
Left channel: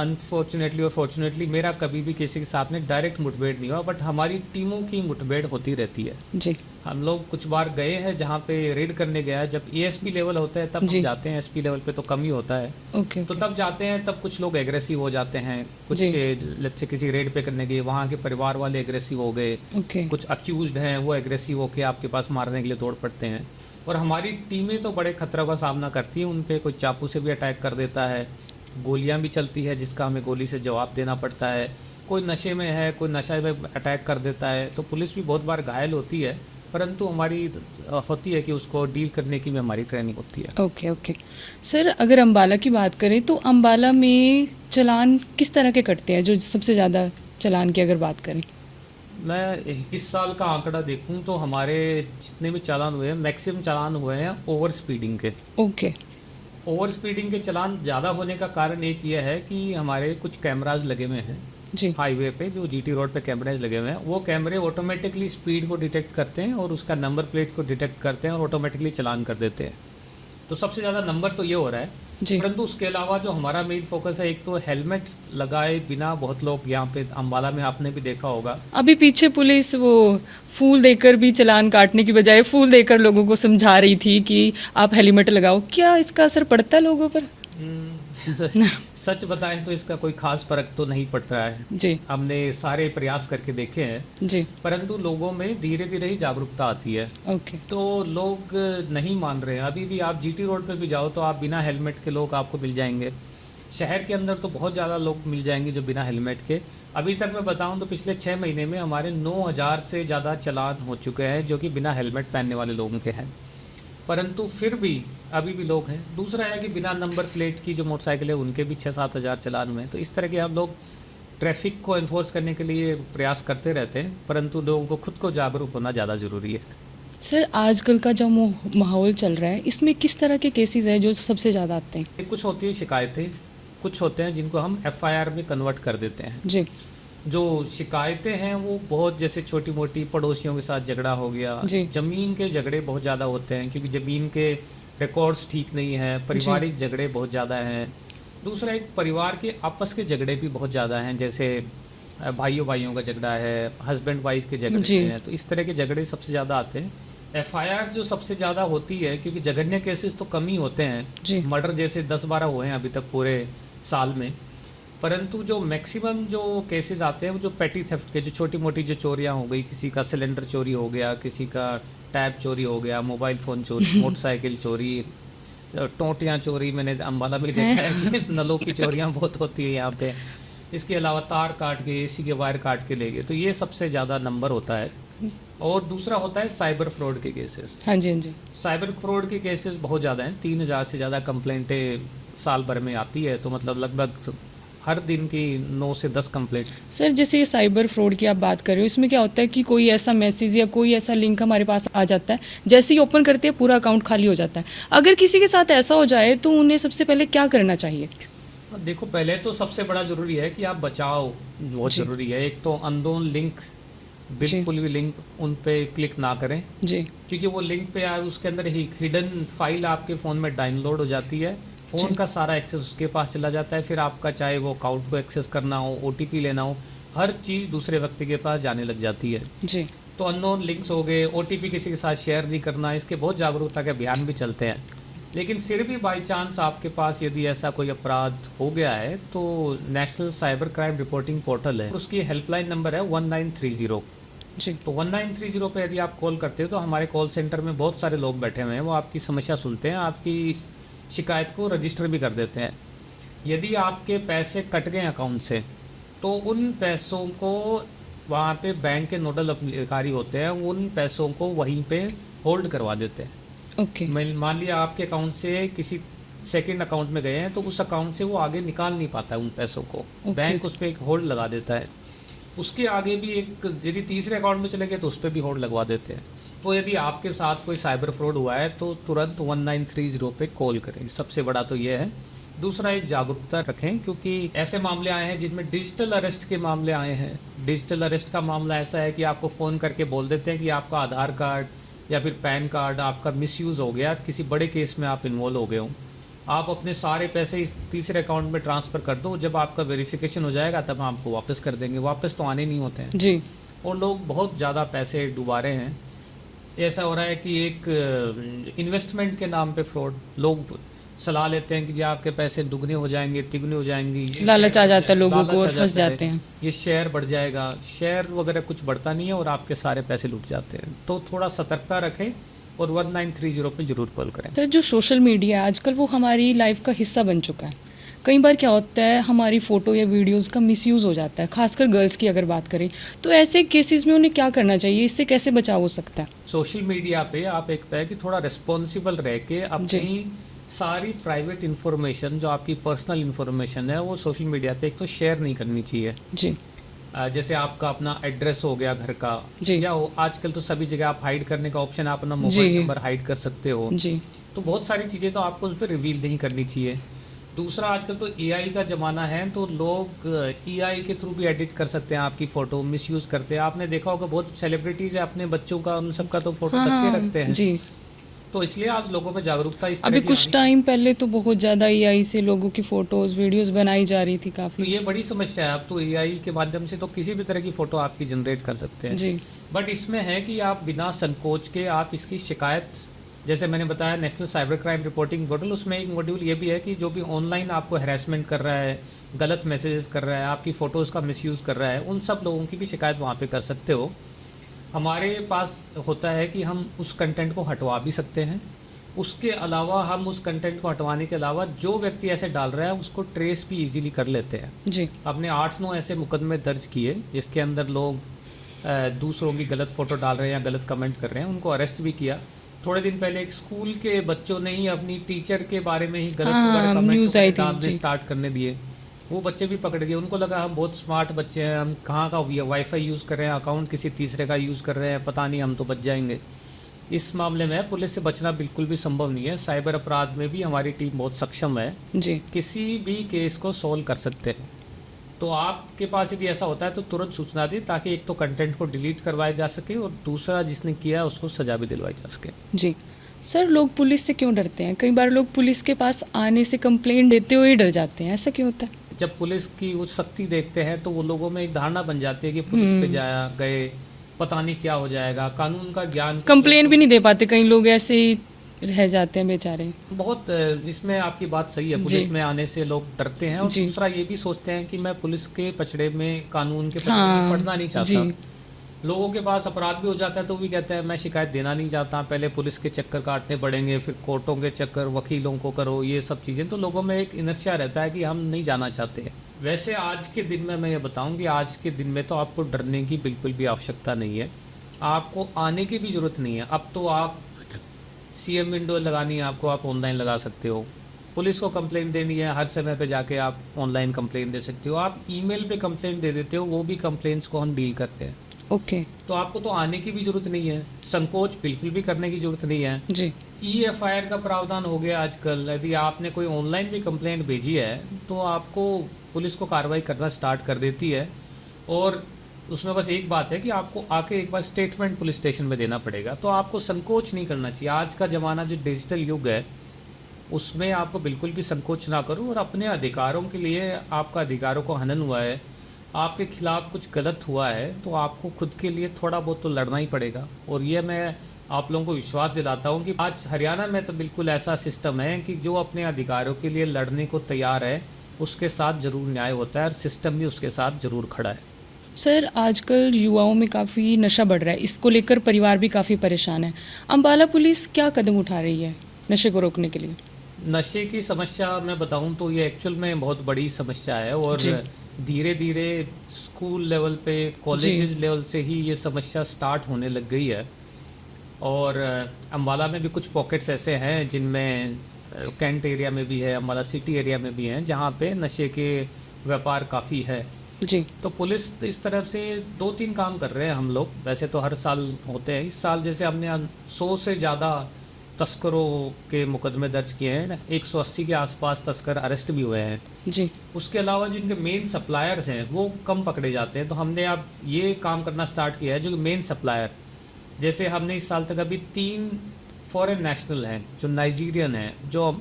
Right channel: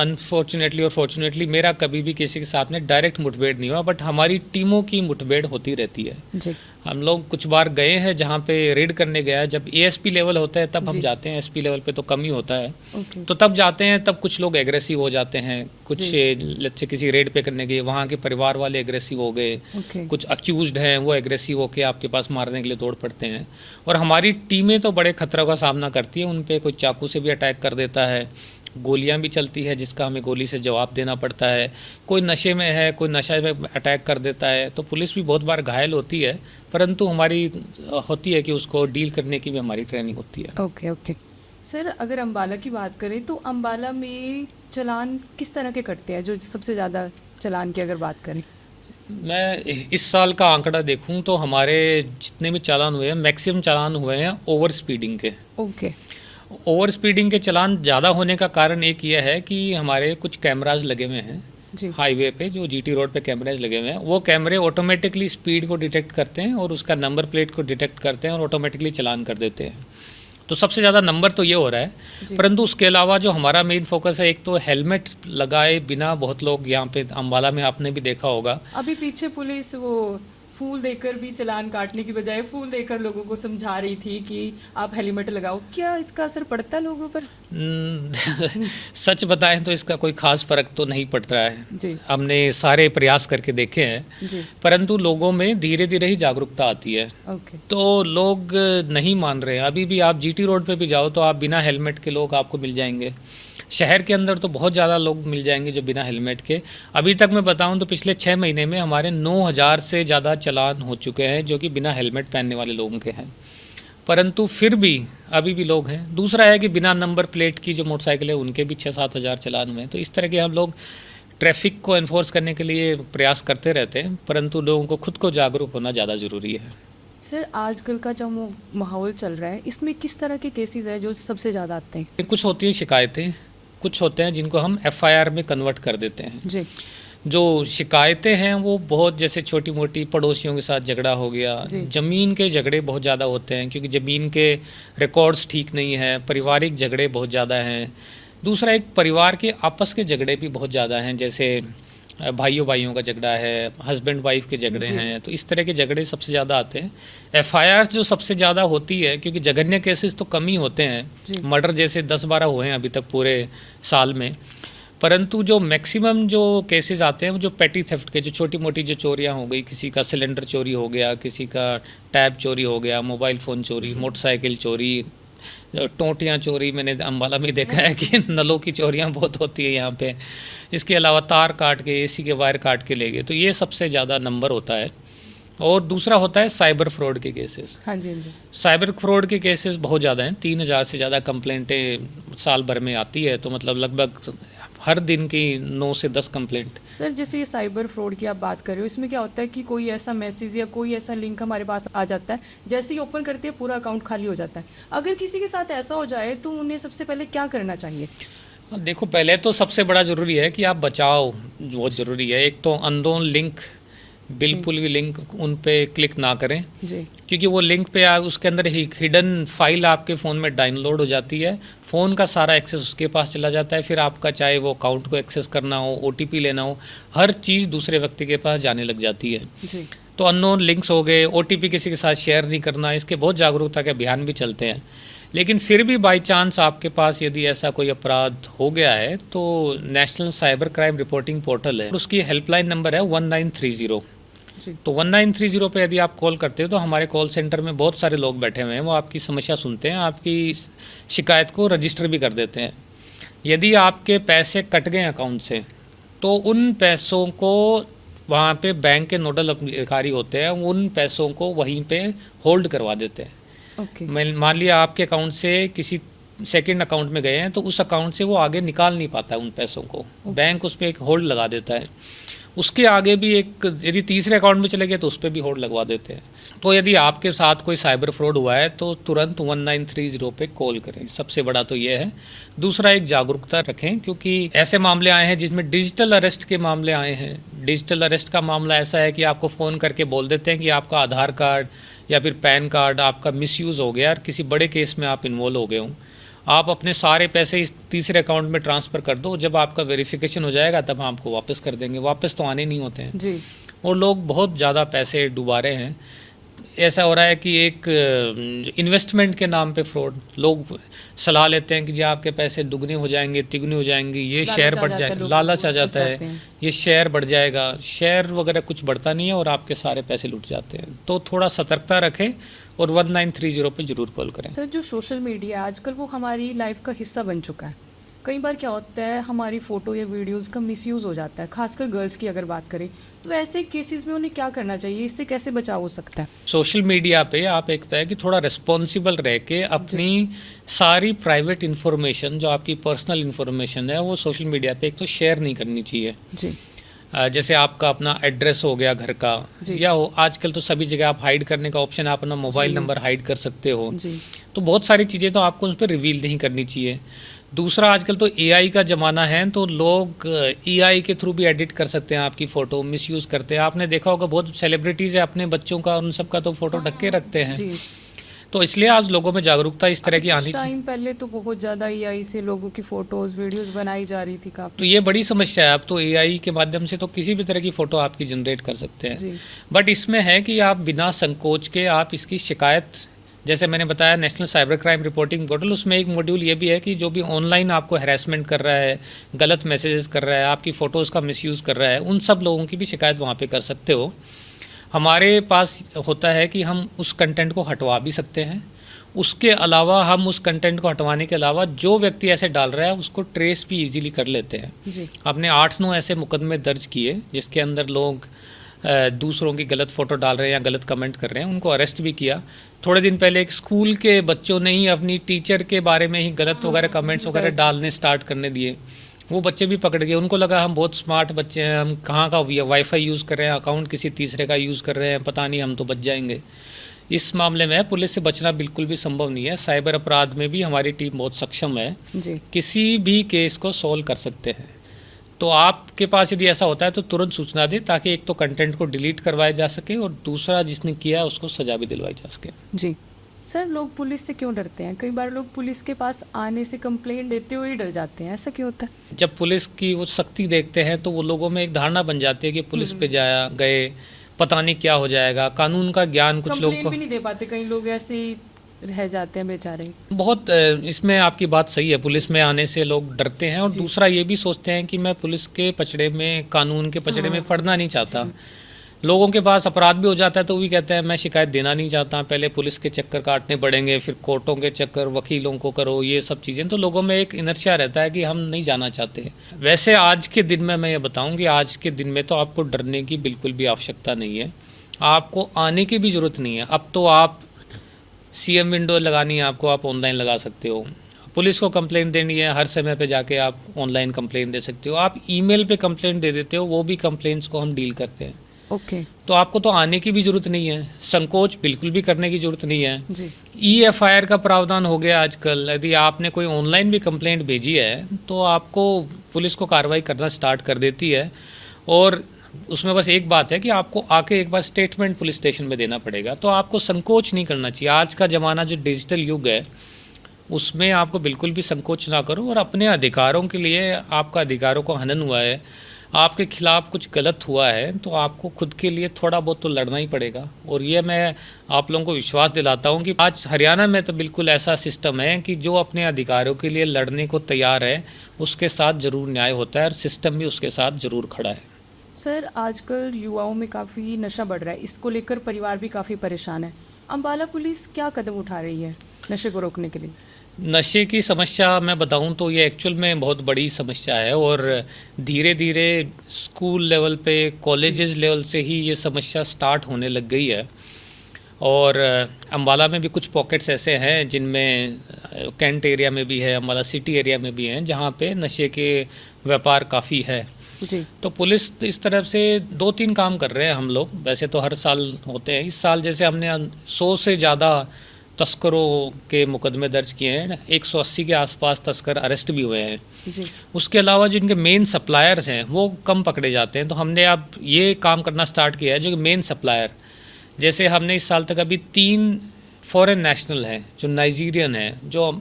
अनफॉर्चुनेटली और फॉर्चुनेटली मेरा कभी भी किसी के साथ में डायरेक्ट मुठभेड़ नहीं हुआ, बट हमारी टीमों की मुठभेड़ होती रहती है। जी। हम लोग कुछ बार गए हैं जहाँ पे रेड करने गया है, जब एएसपी लेवल होता है तब जी। हम जाते हैं, एसपी लेवल पे तो कम ही होता है। ओके। तो तब जाते हैं, तब कुछ लोग एग्रेसिव हो जाते हैं, कुछ जी। लेट्स से किसी रेड पे करने गए, वहाँ के परिवार वाले एग्रेसिव हो गए, ओके। कुछ अक्यूज्ड हैं वो एग्रेसिव होके आपके पास मारने के लिए दौड़ पड़ते हैं। और हमारी टीमें तो बड़े खतरों का सामना करती हैं, उन पे कोई चाकू से भी अटैक कर देता है, गोलियां भी चलती है जिसका हमें गोली से जवाब देना पड़ता है, कोई नशे में है, कोई नशा में अटैक कर देता है, तो पुलिस भी बहुत बार घायल होती है, परंतु हमारी होती है कि उसको डील करने की भी हमारी ट्रेनिंग होती है। ओके। ओके। सर, अगर अम्बाला की बात करें तो अम्बाला में चालान किस तरह के कटते हैं, जो सबसे ज़्यादा चालान की अगर बात करें? मैं इस साल का आंकड़ा देखूं तो हमारे जितने भी चालान हुए हैं, मैक्सिमम चालान हुए हैं ओवर स्पीडिंग के। ओके। ओवर स्पीडिंग के चालान ज़्यादा होने का कारण एक यह है कि हमारे कुछ कैमराज लगे हुए हैं जी। हाईवे पे, जो जीटी रोड पे कैमराज लगे हुए हैं, वो कैमरे ऑटोमेटिकली स्पीड को डिटेक्ट करते हैं और उसका नंबर प्लेट को डिटेक्ट करते हैं और ऑटोमेटिकली चालान कर देते हैं। तो सबसे ज़्यादा नंबर तो ये हो रहा है, जी। परंतु उसके अलावा जो हमारा मेन फोकस है, एक तो हेलमेट लगाए बिना बहुत लोग यहाँ पे अम्बाला में आपने भी देखा होगा। अभी पीछे पुलिस वो फूल देकर भी चालान काटने की बजाय फूल देकर लोगों को समझा रही थी कि आप हेलमेट लगाओ। क्या इसका असर पड़ता है लोगों पर? सच बताएं तो इसका कोई खास फर्क तो नहीं पड़ रहा है। जी। हमने सारे प्रयास करके देखे हैं, जी। परंतु लोगों में धीरे धीरे ही जागरूकता आती है। ओके। तो लोग नहीं मान रहे हैं। अभी भी आप जीटी रोड पे भी जाओ तो आप बिना हेलमेट के लोग आपको मिल जाएंगे। शहर के अंदर तो बहुत ज़्यादा लोग मिल जाएंगे जो बिना हेलमेट के। अभी तक मैं बताऊं तो पिछले 6 महीने में हमारे 9,000 से ज़्यादा चालान हो चुके हैं जो कि बिना हेलमेट पहनने वाले लोगों के हैं, परंतु फिर भी अभी भी लोग हैं। दूसरा है कि बिना नंबर प्लेट की जो मोटरसाइकिल है उनके भी 6-7 हज़ार चालान हुए हैं। तो इस तरह के हम लोग ट्रैफिक को एनफोर्स करने के लिए प्रयास करते रहते हैं, परंतु लोगों को खुद को जागरूक होना ज़्यादा ज़रूरी है। सर, आजकल का जो माहौल चल रहा है, इसमें किस तरह के केसेस हैं जो सबसे ज़्यादा आते हैं? कुछ होती हैं शिकायतें, कुछ होते हैं जिनको हम एफआईआर में कन्वर्ट कर देते हैं। जी। जो शिकायतें हैं वो बहुत, जैसे छोटी मोटी पड़ोसियों के साथ झगड़ा हो गया, जी। ज़मीन के झगड़े बहुत ज़्यादा होते हैं क्योंकि ज़मीन के रिकॉर्ड्स ठीक नहीं हैं, पारिवारिक झगड़े बहुत ज़्यादा हैं। दूसरा, एक परिवार के आपस के झगड़े भी बहुत ज़्यादा हैं, जैसे भाइयों भाइयों का झगड़ा है, हस्बैंड वाइफ के झगड़े जी। हैं, तो इस तरह के झगड़े सबसे ज़्यादा आते हैं। एफआईआर जो सबसे ज़्यादा होती है, क्योंकि जघन्य केसेस तो कम ही होते जी। हैं, मर्डर जैसे 10-12 हुए हैं अभी तक पूरे साल में, परंतु जो मैक्सिमम जो केसेस आते हैं वो जो पेटी थेफ्ट के, जो छोटी मोटी जो चोरियां हो गई, किसी का सिलेंडर चोरी हो गया, किसी का टैब चोरी हो गया, मोबाइल फ़ोन चोरी, मोटरसाइकिल चोरी, टोंटियां चोरी, मैंने अम्बाला में देखा है कि नलों की चोरियां बहुत होती है यहाँ पे। इसके अलावा तार काट के, एसी के वायर काट के ले गए, तो ये सबसे ज़्यादा नंबर होता है। और दूसरा होता है साइबर फ्रॉड के केसेस। हाँ जी, हाँ जी। साइबर फ्रॉड के केसेस बहुत ज़्यादा हैं, 3,000 से ज़्यादा कंप्लेंटें साल भर में आती है, तो मतलब लगभग हर दिन की 9 से 10 कंप्लेंट। सर, जैसे ये साइबर फ्रॉड की आप बात कर रहे हो, इसमें क्या होता है कि कोई ऐसा मैसेज या कोई ऐसा लिंक हमारे पास आ जाता है, जैसे ही ओपन करते हैं पूरा अकाउंट खाली हो जाता है। अगर किसी के साथ ऐसा हो जाए तो उन्हें सबसे पहले क्या करना चाहिए? देखो, पहले तो सबसे बड़ा ज़रूरी है कि आप बचाओ, बहुत ज़रूरी है। एक तो अननोन लिंक, बिल्कुल भी लिंक उन पे क्लिक ना करें, जी। क्योंकि वो लिंक पे आप उसके अंदर ही हिडन फाइल आपके फ़ोन में डाउनलोड हो जाती है, फ़ोन का सारा एक्सेस उसके पास चला जाता है, फिर आपका चाहे वो अकाउंट को एक्सेस करना हो, ओटीपी लेना हो, हर चीज़ दूसरे व्यक्ति के पास जाने लग जाती है। जी। तो अननोन लिंक्स हो गए, ओटीपी किसी के साथ शेयर नहीं करना, इसके बहुत जागरूकता के अभियान भी चलते हैं। लेकिन फिर भी बाय चांस आपके पास यदि ऐसा कोई अपराध हो गया है तो national cyber crime reporting portal है, उसकी हेल्पलाइन नंबर है 1930। जी। तो 1930 पे यदि आप कॉल करते हो तो हमारे कॉल सेंटर में बहुत सारे लोग बैठे हुए हैं, वो आपकी समस्या सुनते हैं, आपकी शिकायत को रजिस्टर भी कर देते हैं। यदि आपके पैसे कट गए अकाउंट से तो उन पैसों को वहाँ पे बैंक के नोडल अधिकारी होते हैं, उन पैसों को वहीं पे होल्ड करवा देते हैं। ओके। मान लिया आपके अकाउंट से किसी सेकंड अकाउंट में गए हैं तो उस अकाउंट से वो आगे निकाल नहीं पाता है उन पैसों को, बैंक उस पर एक होल्ड लगा देता है। उसके आगे भी एक यदि तीसरे अकाउंट में चले गए तो उस पर भी होल्ड लगवा देते हैं। तो यदि आपके साथ कोई साइबर फ्रॉड हुआ है तो तुरंत 1930 पे कॉल करें, सबसे बड़ा तो ये है। दूसरा, एक जागरूकता रखें, क्योंकि ऐसे मामले आए हैं जिसमें डिजिटल अरेस्ट के मामले आए हैं। डिजिटल अरेस्ट का मामला ऐसा है कि आपको फ़ोन करके बोल देते हैं कि आपका आधार कार्ड या फिर पैन कार्ड आपका मिसयूज़ हो गया और किसी बड़े केस में आप इन्वॉल्व हो गए हो, आप अपने सारे पैसे इस तीसरे अकाउंट में ट्रांसफ़र कर दो, जब आपका वेरिफिकेशन हो जाएगा तब आपको वापस कर देंगे। वापस तो आने नहीं होते हैं जी। और लोग बहुत ज़्यादा पैसे डुबा रहे हैं। ऐसा हो रहा है कि एक इन्वेस्टमेंट के नाम पे फ्रॉड, लोग सलाह लेते हैं कि जी आपके पैसे दुगने हो जाएंगे, तिगने हो जाएंगे, ये शेयर लालच आ बढ़ जाता है, जाएगा, लोगों लालच को आ फंस जाता जाते है, हैं। ये शेयर बढ़ जाएगा। शेयर वगैरह कुछ बढ़ता नहीं है और आपके सारे पैसे लुट जाते हैं। तो थोड़ा सतर्कता रखें और 1930 पे ज़रूर कॉल करें। सर, जो सोशल मीडिया है आजकल वो हमारी लाइफ का हिस्सा बन चुका है। कई बार क्या होता है, हमारी फ़ोटो या वीडियोस का मिसयूज़ हो जाता है, खासकर गर्ल्स की अगर बात करें तो ऐसे केसेस में उन्हें क्या करना चाहिए, इससे कैसे बचाव हो सकता है? सोशल मीडिया पे आप एक है कि थोड़ा रिस्पॉन्सिबल रह के अपनी सारी प्राइवेट इन्फॉर्मेशन, जो आपकी पर्सनल इन्फॉर्मेशन है, वो सोशल मीडिया पे एक तो शेयर नहीं करनी चाहिए। जी। जैसे आपका अपना एड्रेस हो गया घर का, जी। या आजकल तो सभी जगह आप हाइड करने का ऑप्शन है, आप अपना मोबाइल जी। नंबर हाइड कर सकते हो। जी। तो बहुत सारी चीज़ें तो आपको उस पर रिवील नहीं करनी चाहिए। दूसरा, आजकल तो एआई का ज़माना है, तो लोग एआई के थ्रू भी एडिट कर सकते हैं आपकी फ़ोटो, मिसयूज़ करते हैं। आपने देखा होगा बहुत सेलिब्रिटीज़ है अपने बच्चों का, उन सब का तो फ़ोटो ढक के रखते हैं। जी। तो इसलिए आज लोगों में जागरूकता इस तरह अभी की आनी कुछ चाहिए। टाइम पहले तो बहुत ज़्यादा एआई से लोगों की फ़ोटोज़ वीडियोज़ बनाई जा रही थी तो काफ़ी। ये बड़ी समस्या है। अब तो एआई के माध्यम से तो किसी भी तरह की फ़ोटो आपकी जनरेट कर सकते हैं। जी। बट इसमें है कि आप बिना संकोच के आप इसकी शिकायत, जैसे मैंने बताया national cyber crime reporting portal, उसमें एक मॉड्यूल ये भी है कि जो भी ऑनलाइन आपको हैरेसमेंट कर रहा है, गलत मैसेजेस कर रहा है, आपकी फ़ोटोज़ का मिसयूज़ कर रहा है, उन सब लोगों की भी शिकायत वहाँ पे कर सकते हो। हमारे पास होता है कि हम उस कंटेंट को हटवा भी सकते हैं। उसके अलावा हम उस कंटेंट को हटवाने के अलावा जो व्यक्ति ऐसे डाल रहा है उसको ट्रेस भी इजीली कर लेते हैं। जी। आपने 8-9 ऐसे मुकदमे दर्ज किए जिसके अंदर लोग दूसरों की गलत फ़ोटो डाल रहे हैं या गलत कमेंट कर रहे हैं, उनको अरेस्ट भी किया। थोड़े दिन पहले एक स्कूल के बच्चों ने ही अपनी टीचर के बारे में ही गलत वगैरह कमेंट्स न्यूज़ आई वगैरह थी, डालने जी। स्टार्ट करने दिए। वो बच्चे भी पकड़ गए, उनको लगा हम बहुत स्मार्ट बच्चे हैं, हम कहाँ का वाईफाई यूज़ कर रहे हैं, अकाउंट किसी तीसरे का यूज़ कर रहे हैं, पता नहीं हम तो बच जाएंगे। इस मामले में पुलिस से बचना बिल्कुल भी संभव नहीं है। साइबर अपराध में भी हमारी टीम बहुत सक्षम है, जी। किसी भी केस को सॉल्व कर सकते हैं। तो आपके पास यदि ऐसा होता है तो तुरंत सूचना दें, ताकि एक तो कंटेंट को डिलीट करवाया जा सके और दूसरा जिसने किया उसको सजा भी दिलवाई जा सके। जी। सर, लोग पुलिस से क्यों डरते हैं? कई बार लोग पुलिस के पास आने से कंप्लेंट देते हुए ही डर जाते हैं, ऐसा क्यों होता है? जब पुलिस की उस सख्ती देखते हैं तो वो लोगों में एक धारणा बन जाती है कि पुलिस पे गए पता नहीं क्या हो जाएगा, कानून का ज्ञान कुछ कंप्लेंट लोगों भी नहीं दे पाते, कई लोग ऐसे ही रह जाते हैं बेचारे। को बहुत इसमें आपकी बात सही है, पुलिस जी। में आने से लोग डरते हैं। और जी। दूसरा ये भी सोचते हैं कि मैं पुलिस के पचड़े में, कानून के पचड़े में हाँ, पड़ना नहीं चाहता। जी। लोगों के पास अपराध भी हो जाता है तो भी कहते हैं मैं शिकायत देना नहीं चाहता, पहले पुलिस के चक्कर काटने पड़ेंगे, फिर कोर्टों के चक्कर, वकीलों को करो, ये सब चीज़ें। तो लोगों में एक इनर्शिया रहता है कि हम नहीं जाना चाहते। वैसे आज के दिन में मैं ये बताऊं कि आज के दिन में तो आपको डरने की बिल्कुल भी आवश्यकता नहीं है, आपको आने की भी ज़रूरत नहीं है। अब तो आप CM विंडो लगानी है आपको, आप ऑनलाइन लगा सकते हो। पुलिस को कंप्लेंट देनी है, हर समय पे जाके आप ऑनलाइन कंप्लेंट दे सकते हो। आप ईमेल पे कंप्लेंट दे देते हो, वो भी कंप्लेंट्स को हम डील करते हैं। ओके। तो आपको तो आने की भी ज़रूरत नहीं है, संकोच बिल्कुल भी करने की ज़रूरत नहीं है। जी। EFIR का प्रावधान हो गया आजकल। यदि आपने कोई ऑनलाइन भी कंप्लेंट भेजी है तो आपको पुलिस को कार्रवाई करना स्टार्ट कर देती है। और उसमें बस एक बात है कि आपको आके एक बार स्टेटमेंट पुलिस स्टेशन में देना पड़ेगा। तो आपको संकोच नहीं करना चाहिए। आज का ज़माना जो डिजिटल युग है उसमें आपको बिल्कुल भी संकोच ना करो, और अपने अधिकारों के लिए, आपका अधिकारों को हनन हुआ है, आपके खिलाफ कुछ गलत हुआ है, तो आपको खुद के लिए थोड़ा बहुत तो लड़ना ही पड़ेगा। और ये मैं आप लोगों को विश्वास दिलाता हूँ कि आज हरियाणा में तो बिल्कुल ऐसा सिस्टम है कि जो अपने अधिकारों के लिए लड़ने को तैयार है उसके साथ ज़रूर न्याय होता है और सिस्टम भी उसके साथ ज़रूर खड़ा है। सर आजकल युवाओं में काफ़ी नशा बढ़ रहा है, इसको लेकर परिवार भी काफ़ी परेशान है। अम्बाला पुलिस क्या कदम उठा रही है नशे को रोकने के लिए? नशे की समस्या मैं बताऊं तो ये एक्चुअल में बहुत बड़ी समस्या है और धीरे धीरे स्कूल लेवल पे कॉलेजेस लेवल से ही ये समस्या स्टार्ट होने लग गई है। और अम्बाला में भी कुछ पॉकेट्स ऐसे हैं जिनमें कैंट एरिया में भी है, अम्बाला सिटी एरिया में भी हैं, जहाँ पे नशे के व्यापार काफ़ी है। जी तो पुलिस इस तरफ से 2-3 काम कर रहे हैं हम लोग, वैसे तो हर साल होते हैं। इस साल जैसे हमने 100 से ज़्यादा तस्करों के मुकदमे दर्ज किए हैं, 180 के आसपास तस्कर अरेस्ट भी हुए हैं। जी उसके अलावा जो इनके मेन सप्लायर्स हैं वो कम पकड़े जाते हैं, तो हमने अब ये काम करना स्टार्ट किया है जो मेन सप्लायर, जैसे हमने इस साल तक अभी 3 फॉरेन नेशनल हैं जो नाइजीरियन हैं, जो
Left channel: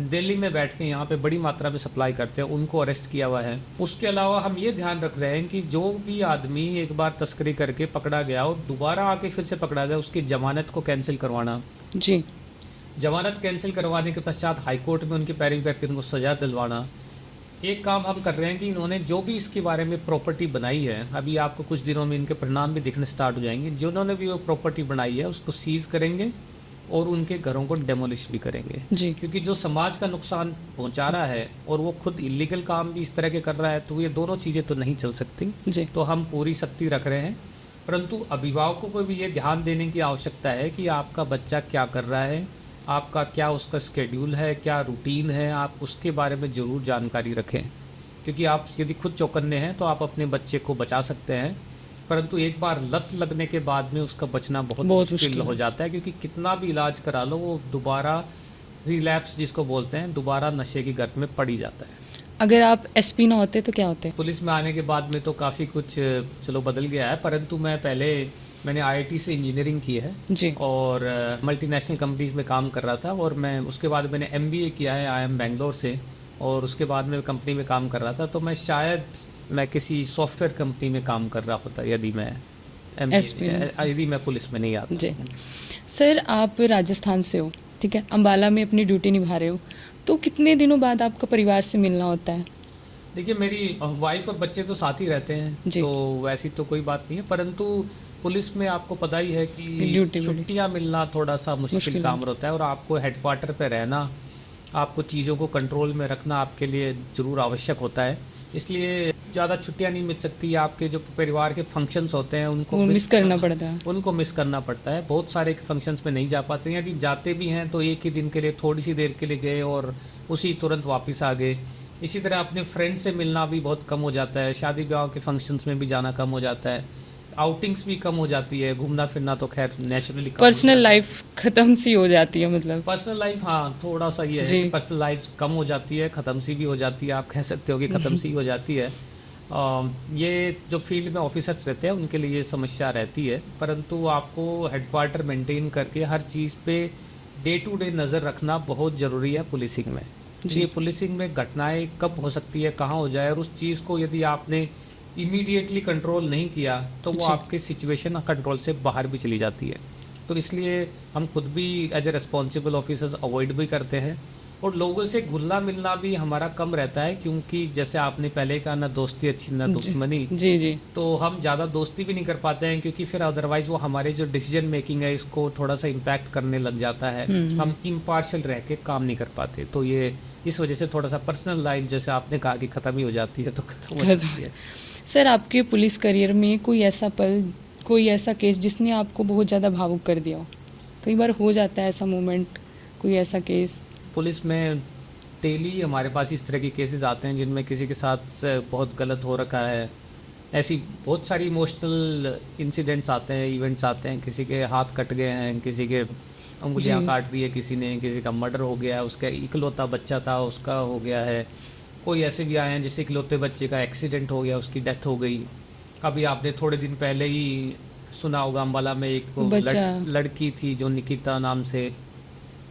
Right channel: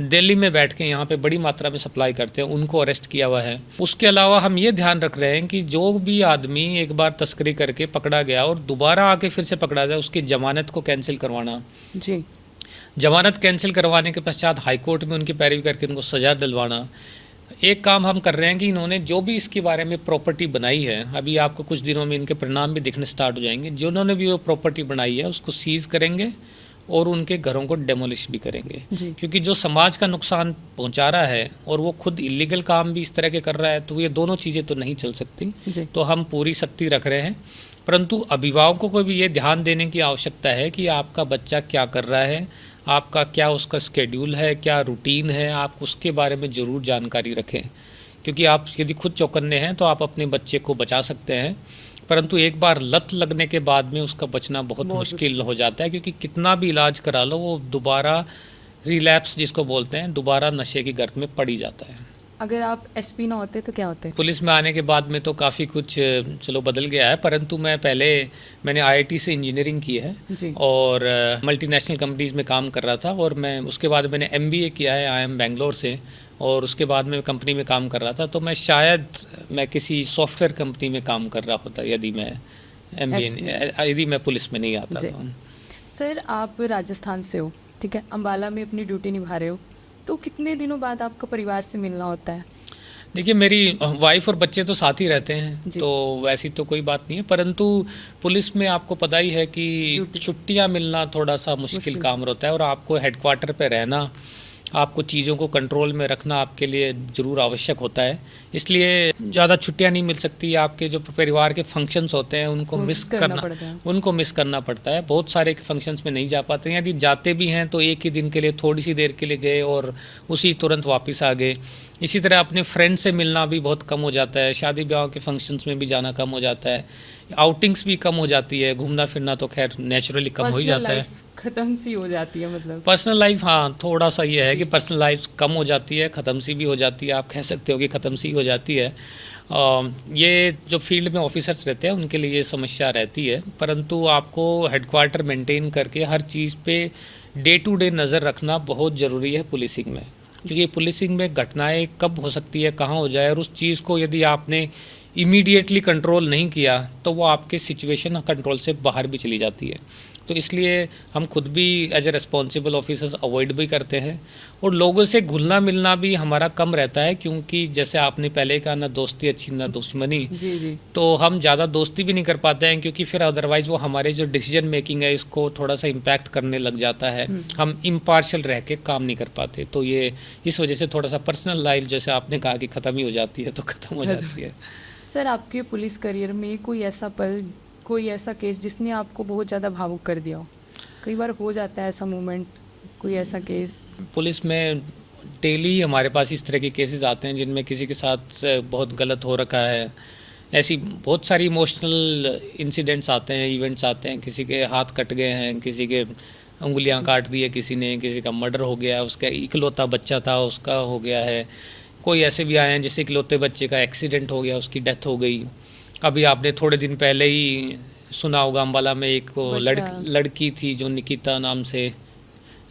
दिल्ली में बैठ के यहाँ पे बड़ी मात्रा में सप्लाई करते हैं, उनको अरेस्ट किया हुआ है। उसके अलावा हम ये ध्यान रख रहे हैं कि जो भी आदमी एक बार तस्करी करके पकड़ा गया और दोबारा आके फिर से पकड़ा जाए, उसकी ज़मानत को कैंसिल करवाना। जी ज़मानत कैंसिल करवाने के पश्चात हाई कोर्ट में उनकी पैरवी करके उनको सज़ा दिलवाना। एक काम हम कर रहे हैं कि इन्होंने जो भी इसके बारे में प्रॉपर्टी बनाई है, अभी आपको कुछ दिनों में इनके परिणाम भी दिखने स्टार्ट हो जाएंगे, जिन्होंने भी वो प्रॉपर्टी बनाई है उसको सीज़ करेंगे और उनके घरों को डेमोलिश भी करेंगे। जी क्योंकि जो समाज का नुकसान पहुंचा रहा है और वो खुद इलीगल काम भी इस तरह के कर रहा है, तो ये दोनों चीज़ें तो नहीं चल सकती। जी तो हम पूरी सख्ती रख रहे हैं, परंतु अभिभावकों को भी ये ध्यान देने की आवश्यकता है कि आपका बच्चा क्या कर रहा है, आपका क्या उसका स्केड्यूल है, क्या रूटीन है, आप उसके बारे में ज़रूर जानकारी रखें। क्योंकि आप यदि खुद चौकन्ने हैं तो आप अपने बच्चे को बचा सकते हैं, परंतु एक बार लत लगने के बाद में उसका बचना बहुत मुश्किल हो जाता है, क्योंकि कितना भी इलाज करा लो वो दोबारा रिलैप्स जिसको बोलते हैं, दोबारा नशे की गर्त में पड़ ही जाता है। अगर आप एसपी ना होते तो क्या होते? पुलिस में आने के बाद में तो काफ़ी कुछ चलो बदल गया है, परंतु मैंने आईआईटी से इंजीनियरिंग की है जी और मल्टीनेशनल कंपनीज़ में काम कर रहा था, और मैं उसके बाद मैंने एमबीए किया है IIM बेंगलोर से, और उसके बाद में कंपनी में काम कर रहा था। तो मैं शायद किसी सॉफ्टवेयर कंपनी में काम कर रहा होता यदि मैं पुलिस में नहीं आता। जी सर आप राजस्थान से हो, ठीक है, अम्बाला में अपनी ड्यूटी निभा रहे हो, तो कितने दिनों बाद आपका परिवार से मिलना होता है? देखिए मेरी वाइफ और बच्चे तो साथ ही रहते हैं, तो वैसी तो कोई बात नहीं है, परंतु पुलिस में आपको पता ही है कि छुट्टियां मिलना थोड़ा सा मुश्किल काम रहता है, और आपको हेडक्वार्टर पे रहना, आपको चीज़ों को कंट्रोल में रखना आपके लिए ज़रूर आवश्यक होता है। इसलिए ज़्यादा छुट्टियां नहीं मिल सकती। आपके जो परिवार के फंक्शंस होते हैं उनको मिस करना पड़ता है। बहुत सारे फंक्शंस में नहीं जा पाते हैं, यदि जाते भी हैं तो एक ही दिन के लिए, थोड़ी सी देर के लिए गए और उसी तुरंत वापस आ गए। इसी तरह अपने फ्रेंड से मिलना भी बहुत कम हो जाता है, शादी ब्याह के फंक्शंस में भी जाना कम हो जाता है, आउटिंग्स भी कम हो जाती है, घूमना फिरना तो खैर नेचुरली कम हो जाता है। पर्सनल लाइफ खत्म सी हो जाती है, मतलब पर्सनल लाइफ, हाँ थोड़ा सा ये है कि पर्सनल लाइफ कम हो जाती है, ख़त्म सी भी हो जाती है, आप कह सकते हो कि ख़त्म सी हो जाती है। ये जो फील्ड में ऑफिसर्स रहते हैं उनके लिए ये समस्या रहती है, परंतु आपको हेडक्वार्टर मेंटेन करके हर चीज़ पे डे टू डे नज़र रखना बहुत ज़रूरी है पुलिसिंग में। ये पुलिसिंग में घटनाएं कब हो सकती है, कहाँ हो जाए, और उस चीज़ को यदि आपने इमीडिएटली कंट्रोल नहीं किया तो वो आपके सिचुएशन कंट्रोल से बाहर भी चली जाती है। तो इसलिए हम खुद भी as a responsible officers avoid भी करते हैं, और लोगों से घुलना मिलना भी हमारा कम रहता है, क्योंकि जैसे आपने पहले कहा ना दोस्ती अच्छी ना दुश्मनी। जी तो हम ज़्यादा दोस्ती भी नहीं कर पाते हैं, क्योंकि फिर अदरवाइज़ वो हमारे जो डिसीजन मेकिंग है इसको थोड़ा सा इम्पैक्ट करने लग जाता है, हम इम्पार्शियल रह के काम नहीं कर पाते। तो ये इस वजह से थोड़ा सा पर्सनल लाइफ जैसे आपने कहा कि ख़त्म ही हो जाती है, तो ख़त्म हो जाती है। सर आपके पुलिस करियर में कोई ऐसा पल, कोई ऐसा केस जिसने आपको बहुत ज़्यादा भावुक कर दिया हो? कई बार हो जाता है ऐसा मोमेंट, कोई ऐसा केस? पुलिस में डेली हमारे पास इस तरह के केसेस आते हैं जिनमें किसी के साथ बहुत गलत हो रखा है। ऐसी बहुत सारी इमोशनल इंसिडेंट्स आते हैं, इवेंट्स आते हैं, किसी के हाथ कट गए हैं, किसी के उंगलियां काट दी है किसी ने, किसी का मर्डर हो गया है, उसका इकलौता बच्चा था उसका हो गया है। कोई ऐसे भी आए हैं जिससे इकलौते बच्चे का एक्सीडेंट हो गया, उसकी डेथ हो गई। अभी आपने थोड़े दिन पहले ही सुना होगा अम्बाला में एक लड़की थी जो निकिता नाम से,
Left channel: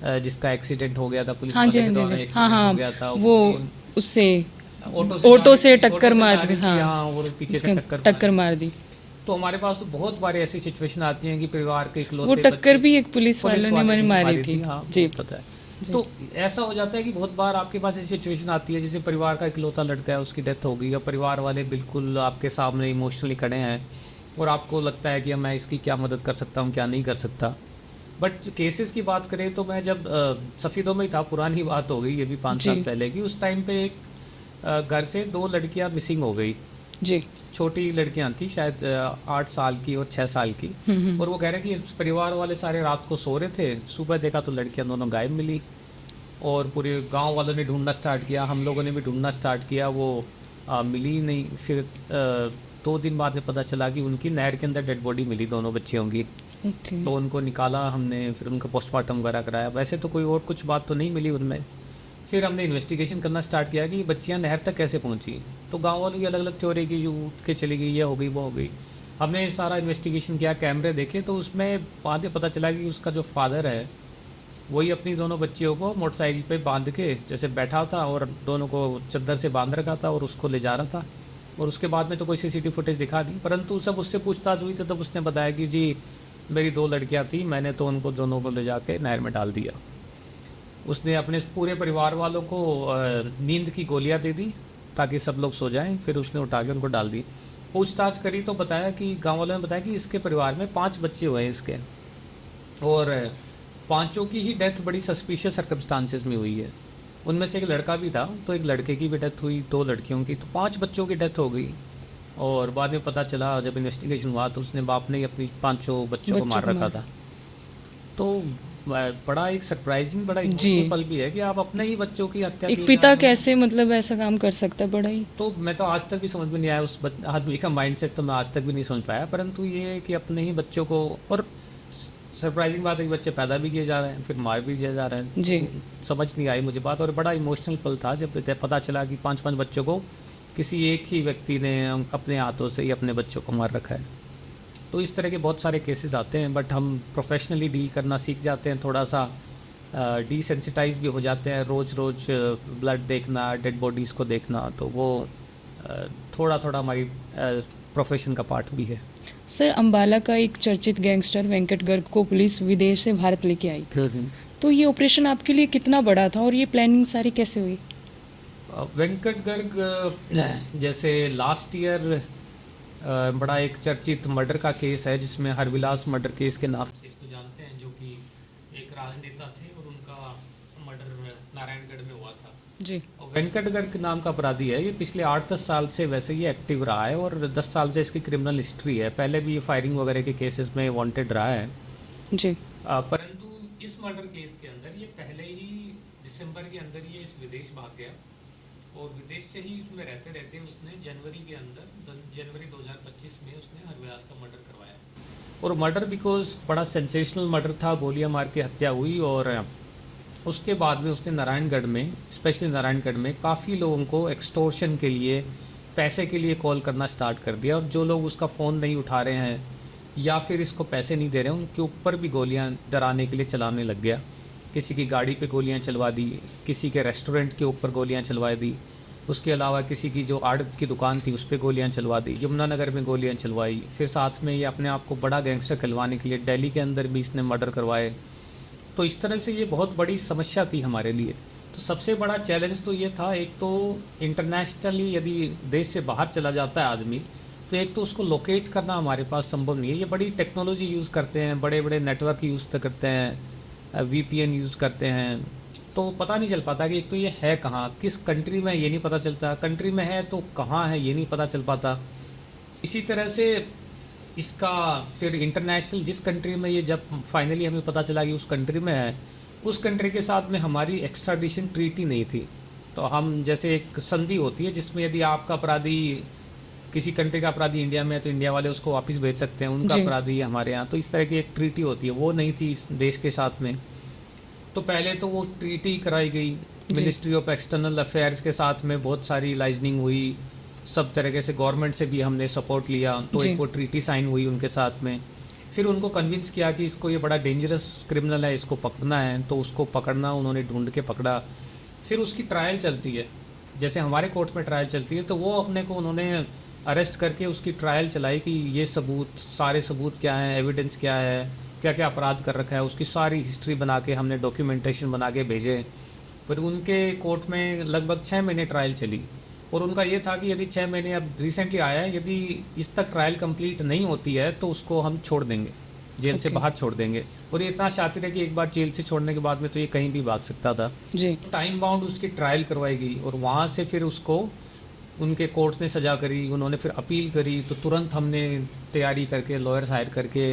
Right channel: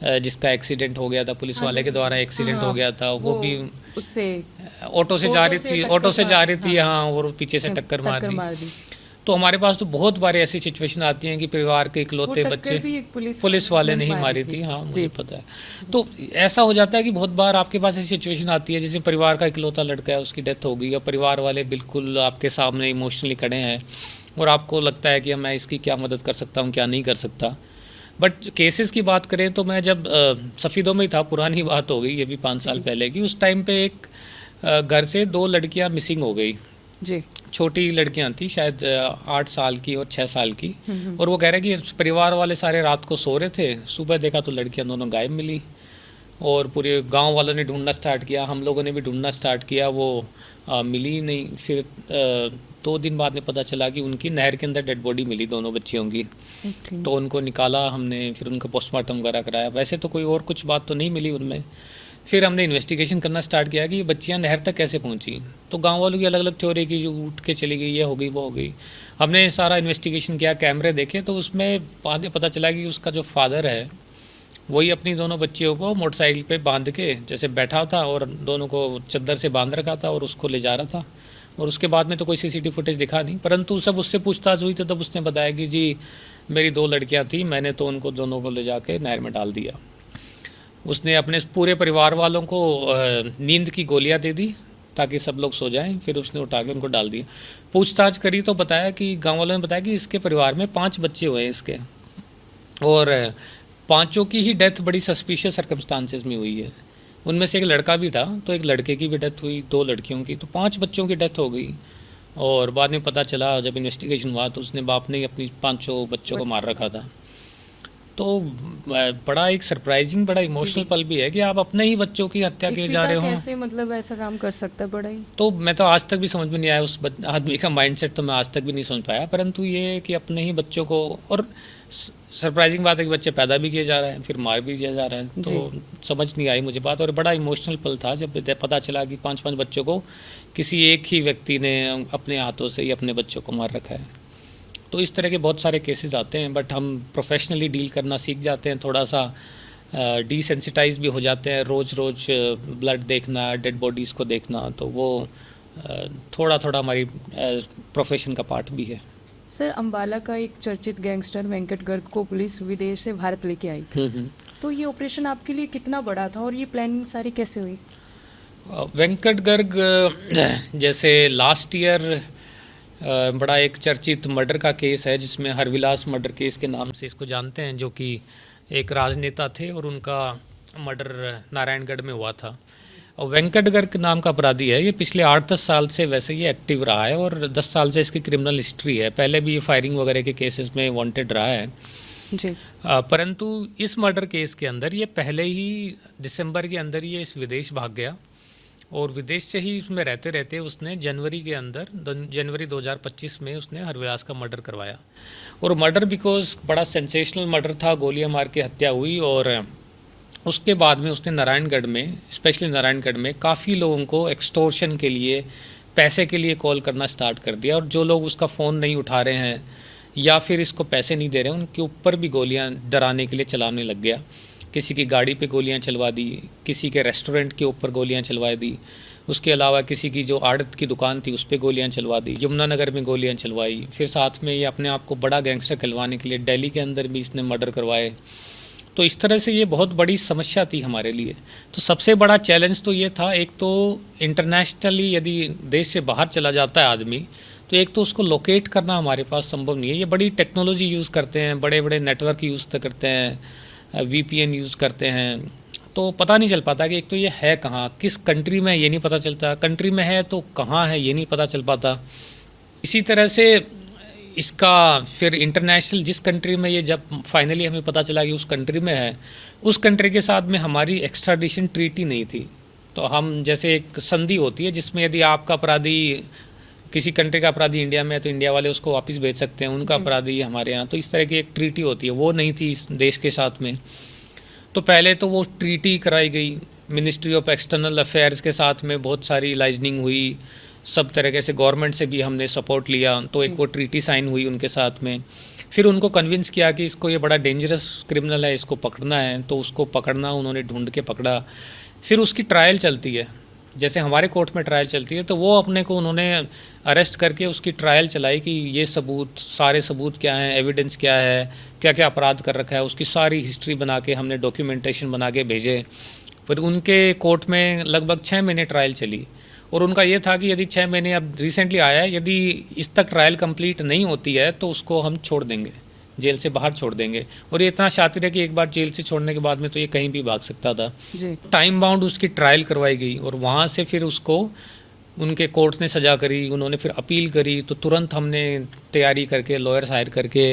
जिसका एक्सीडेंट हो गया था, पुलिस वाले के द्वारा एक्सीडेंट हो गया था। वो भी उससे ऑटो से जा रही थी, हाँ, और पीछे से टक्कर मार दी। तो हमारे पास तो बहुत बार ऐसी सिचुएशन आती हैं कि परिवार के वो इकलौते टक्कर बच्चे, भी एक पुलिस वाले ने ने मारी मारी थी। थी, हाँ जी। मुझे पता है। तो ऐसा हो जाता है कि बहुत बार आपके पास ऐसी सिचुएशन आती है जैसे परिवार का इकलौता लड़का है, उसकी डेथ हो गई और परिवार वाले बिल्कुल आपके सामने इमोशनली खड़े हैं और आपको लगता है कि मैं इसकी क्या मदद कर सकता हूँ, क्या नहीं कर सकता। बट केसेस की बात करें तो मैं जब सफ़ीदों में ही था, पुरानी बात हो गई ये भी 5 साल जी। पहले की, उस टाइम पे एक घर से 2 लड़कियां मिसिंग हो गई। जी। छोटी लड़कियां थी शायद 8 साल की और 6 साल की। और वो कह रहे हैं कि परिवार वाले सारे रात को सो रहे थे, सुबह देखा तो लड़कियां दोनों गायब मिली और पूरे गांव वालों ने ढूंढना स्टार्ट किया, हम लोगों ने भी ढूंढना स्टार्ट किया, वो मिली ही नहीं। फिर 2 दिन बाद में पता चला कि उनकी नहर के अंदर डेड बॉडी मिली दोनों बच्चियों की। ओके। तो उनको निकाला हमने, फिर उनका पोस्टमार्टम वगैरह कराया। वैसे तो कोई और कुछ बात तो नहीं मिली उनमें। फिर हमने इन्वेस्टिगेशन करना स्टार्ट किया कि ये बच्चियाँ नहर तक कैसे पहुँची। तो गांव वालों की अलग अलग थ्योरी की, जो उठ के चली गई, ये हो गई, वो हो गई। हमने सारा इन्वेस्टिगेशन किया, कैमरे देखे, तो उसमें बाद में पता चला कि उसका जो फादर है वही अपनी दोनों बच्चियों को मोटरसाइकिल पे बांध के जैसे बैठा था और दोनों को चद्दर से बांध रखा था और उसको ले जा रहा था। और उसके बाद में तो कोई सीसीटीवी फुटेज दिखा नहीं, परंतु सब उससे पूछताछ हुई तो तब उसने बताया कि जी मेरी 2 लड़कियां थी, मैंने तो उनको दोनों को ले जाके नहर में डाल दिया। उसने अपने पूरे परिवार वालों को नींद की गोलियां दे दी ताकि सब लोग सो जाएं, फिर उसने उठा के उनको डाल दिया। पूछताछ करी तो बताया कि गांव वालों ने बताया कि इसके परिवार में 5 बच्चे हुए हैं इसके, और पांचों की ही डेथ बड़ी सस्पिशियस सर्कमस्टांसेस में हुई है। उनमें से एक लड़का भी था, तो एक लड़के की भी डेथ हुई, 2 लड़कियों की, तो 5 बच्चों की डेथ हो गई। और बाद में पता चला जब इन्वेस्टिगेशन हुआ तो उसने बाप ने ही अपनी 5 बच्चों को मार रखा था। तो बड़ा एक सरप्राइजिंग, बड़ा इमोशनल पल भी है कि आप अपने ही बच्चों की हत्या एक किए जा पिता रहे हो। कैसे मतलब ऐसा काम कर सकता है, बड़ा ही। तो मैं तो आज तक भी समझ में नहीं आया उस आदमी का माइंडसेट, तो मैं आज तक भी नहीं समझ पाया। परंतु ये है कि अपने ही बच्चों को, और सरप्राइजिंग बात है कि बच्चे पैदा भी किए जा रहे हैं फिर मार भी दिए जा रहे हैं। जी। तो समझ नहीं आई मुझे बात, और बड़ा इमोशनल पल था जब पता चला कि 5 बच्चों को किसी एक ही व्यक्ति ने अपने हाथों से ही अपने बच्चों को मार रखा है। तो इस तरह के बहुत सारे केसेस आते हैं, बट हम प्रोफेशनली डील करना सीख जाते हैं, थोड़ा सा डिसेंसिटाइज भी हो जाते हैं। रोज़ रोज़ ब्लड देखना, डेड बॉडीज़ को देखना, तो वो थोड़ा थोड़ा हमारी प्रोफेशन का पार्ट भी है। सर, अंबाला का एक चर्चित गैंगस्टर वेंकट गर्ग को पुलिस विदेश से भारत लेके आई, तो ये ऑपरेशन आपके लिए कितना बड़ा था और ये प्लानिंग सारी कैसे हुई? वेंकट गर्ग जैसे लास्ट ईयर बड़ा एक चर्चित मर्डर का केस है जिसमें हरविलास मर्डर केस के नाम से इसको जानते हैं, जो कि एक राजनेता थे और उनका मर्डर नारायणगढ़ में हुआ था। जी। और वेंकट गर्ग नाम का अपराधी है, ये पिछले 8-10 साल से वैसे ये एक्टिव रहा है और 10 साल से इसकी क्रिमिनल हिस्ट्री है। पहले भी ये फायरिंग वगैरह के केसेस में वांटेड रहा है। जी। परंतु इस मर्डर केस के अंदर ये पहले ही दिसंबर के अंदर ये इस विदेश भाग गया और विदेश से ही उसमें रहते रहते उसने जनवरी 2025 में उसने हरविलास का मर्डर करवाया। और मर्डर बिकॉज बड़ा सेंसेशनल मर्डर था, गोलियां मार के हत्या हुई। और उसके बाद में उसने नारायणगढ़ में, स्पेशली नारायणगढ़ में काफ़ी लोगों को एक्सटोर्शन के लिए, पैसे के लिए कॉल करना स्टार्ट कर दिया। और जो लोग उसका फ़ोन नहीं उठा रहे हैं या फिर इसको पैसे नहीं दे रहे हैं, उनके ऊपर भी गोलियां डराने के लिए चलाने लग गया। किसी की गाड़ी पे गोलियां चलवा दी, किसी के रेस्टोरेंट के ऊपर गोलियां चलवा दी, उसके अलावा किसी की जो आड़त की दुकान थी उस पर गोलियां चलवा दी, यमुनानगर में गोलियां चलवाई। फिर साथ में ये अपने आप को बड़ा गैंगस्टर कहलवाने के लिए दिल्ली के अंदर भी इसने मर्डर करवाए। तो इस तरह से ये बहुत बड़ी समस्या थी हमारे लिए। तो सबसे बड़ा चैलेंज तो ये था, एक तो इंटरनेशनली यदि देश से बाहर चला जाता है आदमी, तो एक तो उसको लोकेट करना हमारे पास संभव नहीं है। ये बड़ी टेक्नोलॉजी यूज़ करते हैं, बड़े बड़े नेटवर्क यूज़ करते हैं, VPN यूज़ करते हैं, तो पता नहीं चल पाता कि एक तो ये है कहाँ, किस कंट्री में, ये नहीं पता चलता। कंट्री में है तो कहाँ है ये नहीं पता चल पाता। इसी तरह से इसका फिर इंटरनेशनल जिस कंट्री में ये जब फाइनली हमें पता चला कि उस कंट्री में है, उस कंट्री के साथ में हमारी एक्स्ट्राडिशन ट्रीटी नहीं थी। तो हम जैसे एक संधि होती है जिसमें यदि आपका अपराधी, किसी कंट्री का अपराधी इंडिया में है तो इंडिया वाले उसको वापस भेज सकते हैं, उनका अपराधी हमारे यहाँ, तो इस तरह की एक ट्रीटी होती है, वो नहीं थी इस देश के साथ में। तो पहले तो वो ट्रीटी कराई गई मिनिस्ट्री ऑफ एक्सटर्नल अफेयर्स के साथ में, बहुत सारी लाइजनिंग हुई, सब तरीके से गवर्नमेंट से भी हमने सपोर्ट लिया, तो एक वो ट्रीटी साइन हुई उनके साथ में। फिर उनको कन्विंस किया कि इसको ये बड़ा डेंजरस क्रिमिनल है, इसको पकड़ना है, तो उसको पकड़ना, उन्होंने ढूंढ के पकड़ा। फिर उसकी ट्रायल चलती है जैसे हमारे कोर्ट में ट्रायल चलती है, तो वो अपने को उन्होंने अरेस्ट करके उसकी ट्रायल चलाई कि ये सबूत, सारे सबूत क्या हैं, एविडेंस क्या है, क्या क्या अपराध कर रखा है, उसकी सारी हिस्ट्री बना के हमने डॉक्यूमेंटेशन बना के भेजे। फिर उनके कोर्ट में लगभग 6 महीने ट्रायल चली, और उनका ये था कि यदि 6 महीने अब रिसेंटली आया है, यदि इस तक ट्रायल कंप्लीट नहीं होती है तो उसको हम छोड़ देंगे, जेल से बाहर छोड़ देंगे। और ये इतना शातिर है कि एक बार जेल से छोड़ने के बाद में तो ये कहीं भी भाग सकता था। जी। टाइम बाउंड उसकी ट्रायल करवाई गई, और वहाँ से फिर उसको उनके कोर्ट ने सजा करी, उन्होंने फिर अपील करी, तो तुरंत हमने तैयारी करके लॉयर्स हायर करके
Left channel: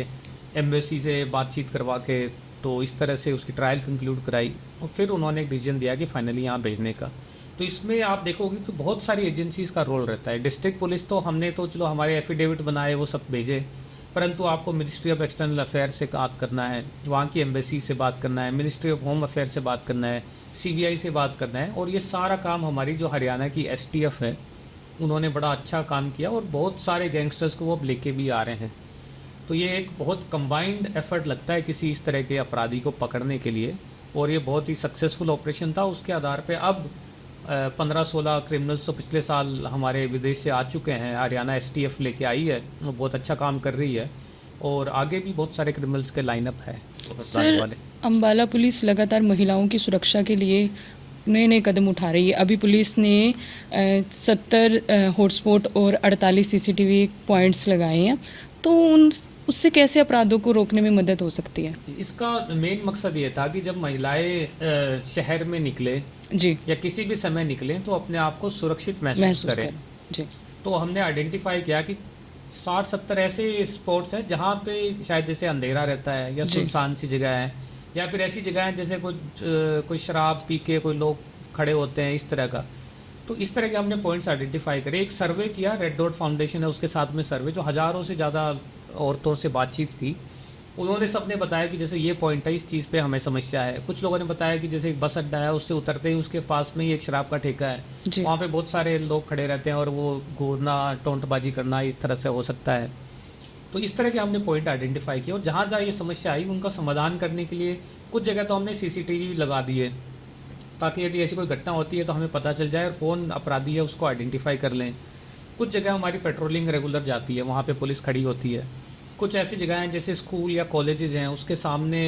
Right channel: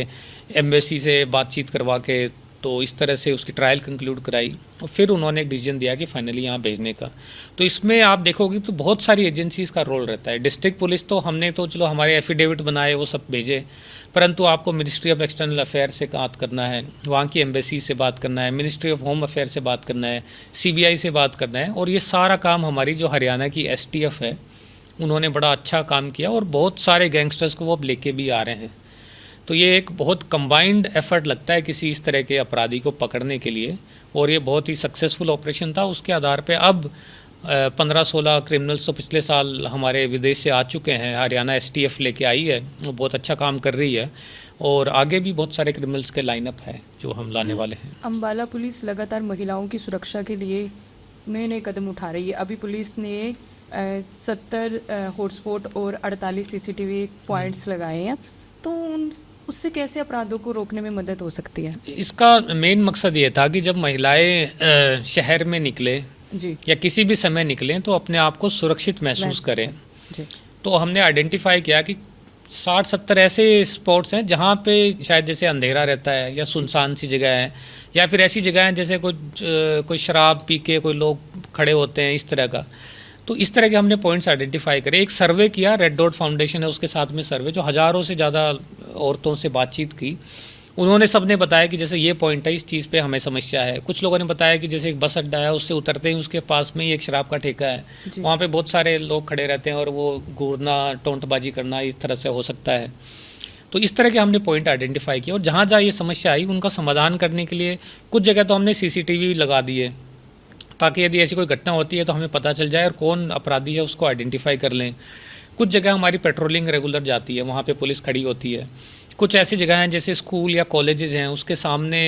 एम्बेसी से बातचीत करवा के तो इस तरह से उसकी ट्रायल कंक्लूड कराई, और फिर उन्होंने एक डिसीजन दिया कि फाइनली यहाँ भेजने का। तो इसमें आप देखोगे तो बहुत सारी एजेंसीज़ का रोल रहता है। डिस्ट्रिक्ट पुलिस तो हमने तो चलो हमारे एफिडेविट बनाए, वो सब भेजे, परंतु आपको मिनिस्ट्री ऑफ एक्सटर्नल अफेयर से बात करना है, वहाँ की एम्बेसी से बात करना है, मिनिस्ट्री ऑफ होम अफेयर से बात करना है, सीबीआई से बात करना है, और ये सारा काम हमारी जो हरियाणा की एसटीएफ है उन्होंने बड़ा अच्छा काम किया, और बहुत सारे गैंगस्टर्स को वो अब लेके भी आ रहे हैं। तो ये एक बहुत कंबाइंड एफर्ट लगता है किसी इस तरह के अपराधी को पकड़ने के लिए, और ये बहुत ही सक्सेसफुल ऑपरेशन था। उसके आधार पे अब 15-16 क्रिमिनल्स तो पिछले साल हमारे विदेश से आ चुके हैं, हरियाणा एसटीएफ लेके आई है, वो बहुत अच्छा काम कर रही है, और आगे भी बहुत सारे क्रिमिनल्स के लाइनअप है जो हम लाने वाले हैं। अम्बाला पुलिस लगातार महिलाओं की सुरक्षा के लिए नए नए कदम उठा रही है। अभी पुलिस ने 70 हॉटस्पॉट और 48 सीसीटीवी पॉइंट्स लगाए हैं, तो उससे कैसे अपराधों को रोकने में मदद हो सकती है? इसका मेन मकसद ये था कि जब महिलाएं शहर में निकले जी। या किसी भी समय निकलें तो अपने आप को सुरक्षित महसूस करें। जी। तो हमने आइडेंटिफाई किया कि 60-70 ऐसे स्पॉट्स हैं जहाँ पे शायद जैसे अंधेरा रहता है, या सुनसान सी जगह है, या फिर ऐसी जगह हैं जैसे कोई शराब पी के कोई लोग खड़े होते हैं, इस तरह का। तो इस तरह के हमने पॉइंट्स आइडेंटिफाई करे। एक सर्वे किया, रेड डॉट फाउंडेशन है उसके साथ में सर्वे, जो हज़ारों से ज़्यादा औरतों से बातचीत की। उन्होंने सब ने बताया कि जैसे ये पॉइंट है, इस चीज़ पे हमें समस्या है। कुछ लोगों ने बताया कि जैसे एक बस अड्डा है, उससे उतरते ही उसके पास में ही एक शराब का ठेका है, वहाँ पे बहुत सारे लोग खड़े रहते हैं और वो घूरना, टोंटबाजी करना इस तरह से हो सकता है। तो इस तरह के हमने पॉइंट आइडेंटिफाई किए, और जहाँ जहाँ ये समस्या आई उनका समाधान करने के लिए कुछ जगह तो हमने सीसीटीवी लगा दिए, ताकि यदि ऐसी कोई घटना होती है तो हमें पता चल जाए और कौन अपराधी है उसको आइडेंटिफाई कर लें। कुछ जगह हमारी पेट्रोलिंग रेगुलर जाती है, वहाँ पे पुलिस खड़ी होती है। कुछ ऐसी जगह हैं जैसे स्कूल या कॉलेजेस हैं, उसके सामने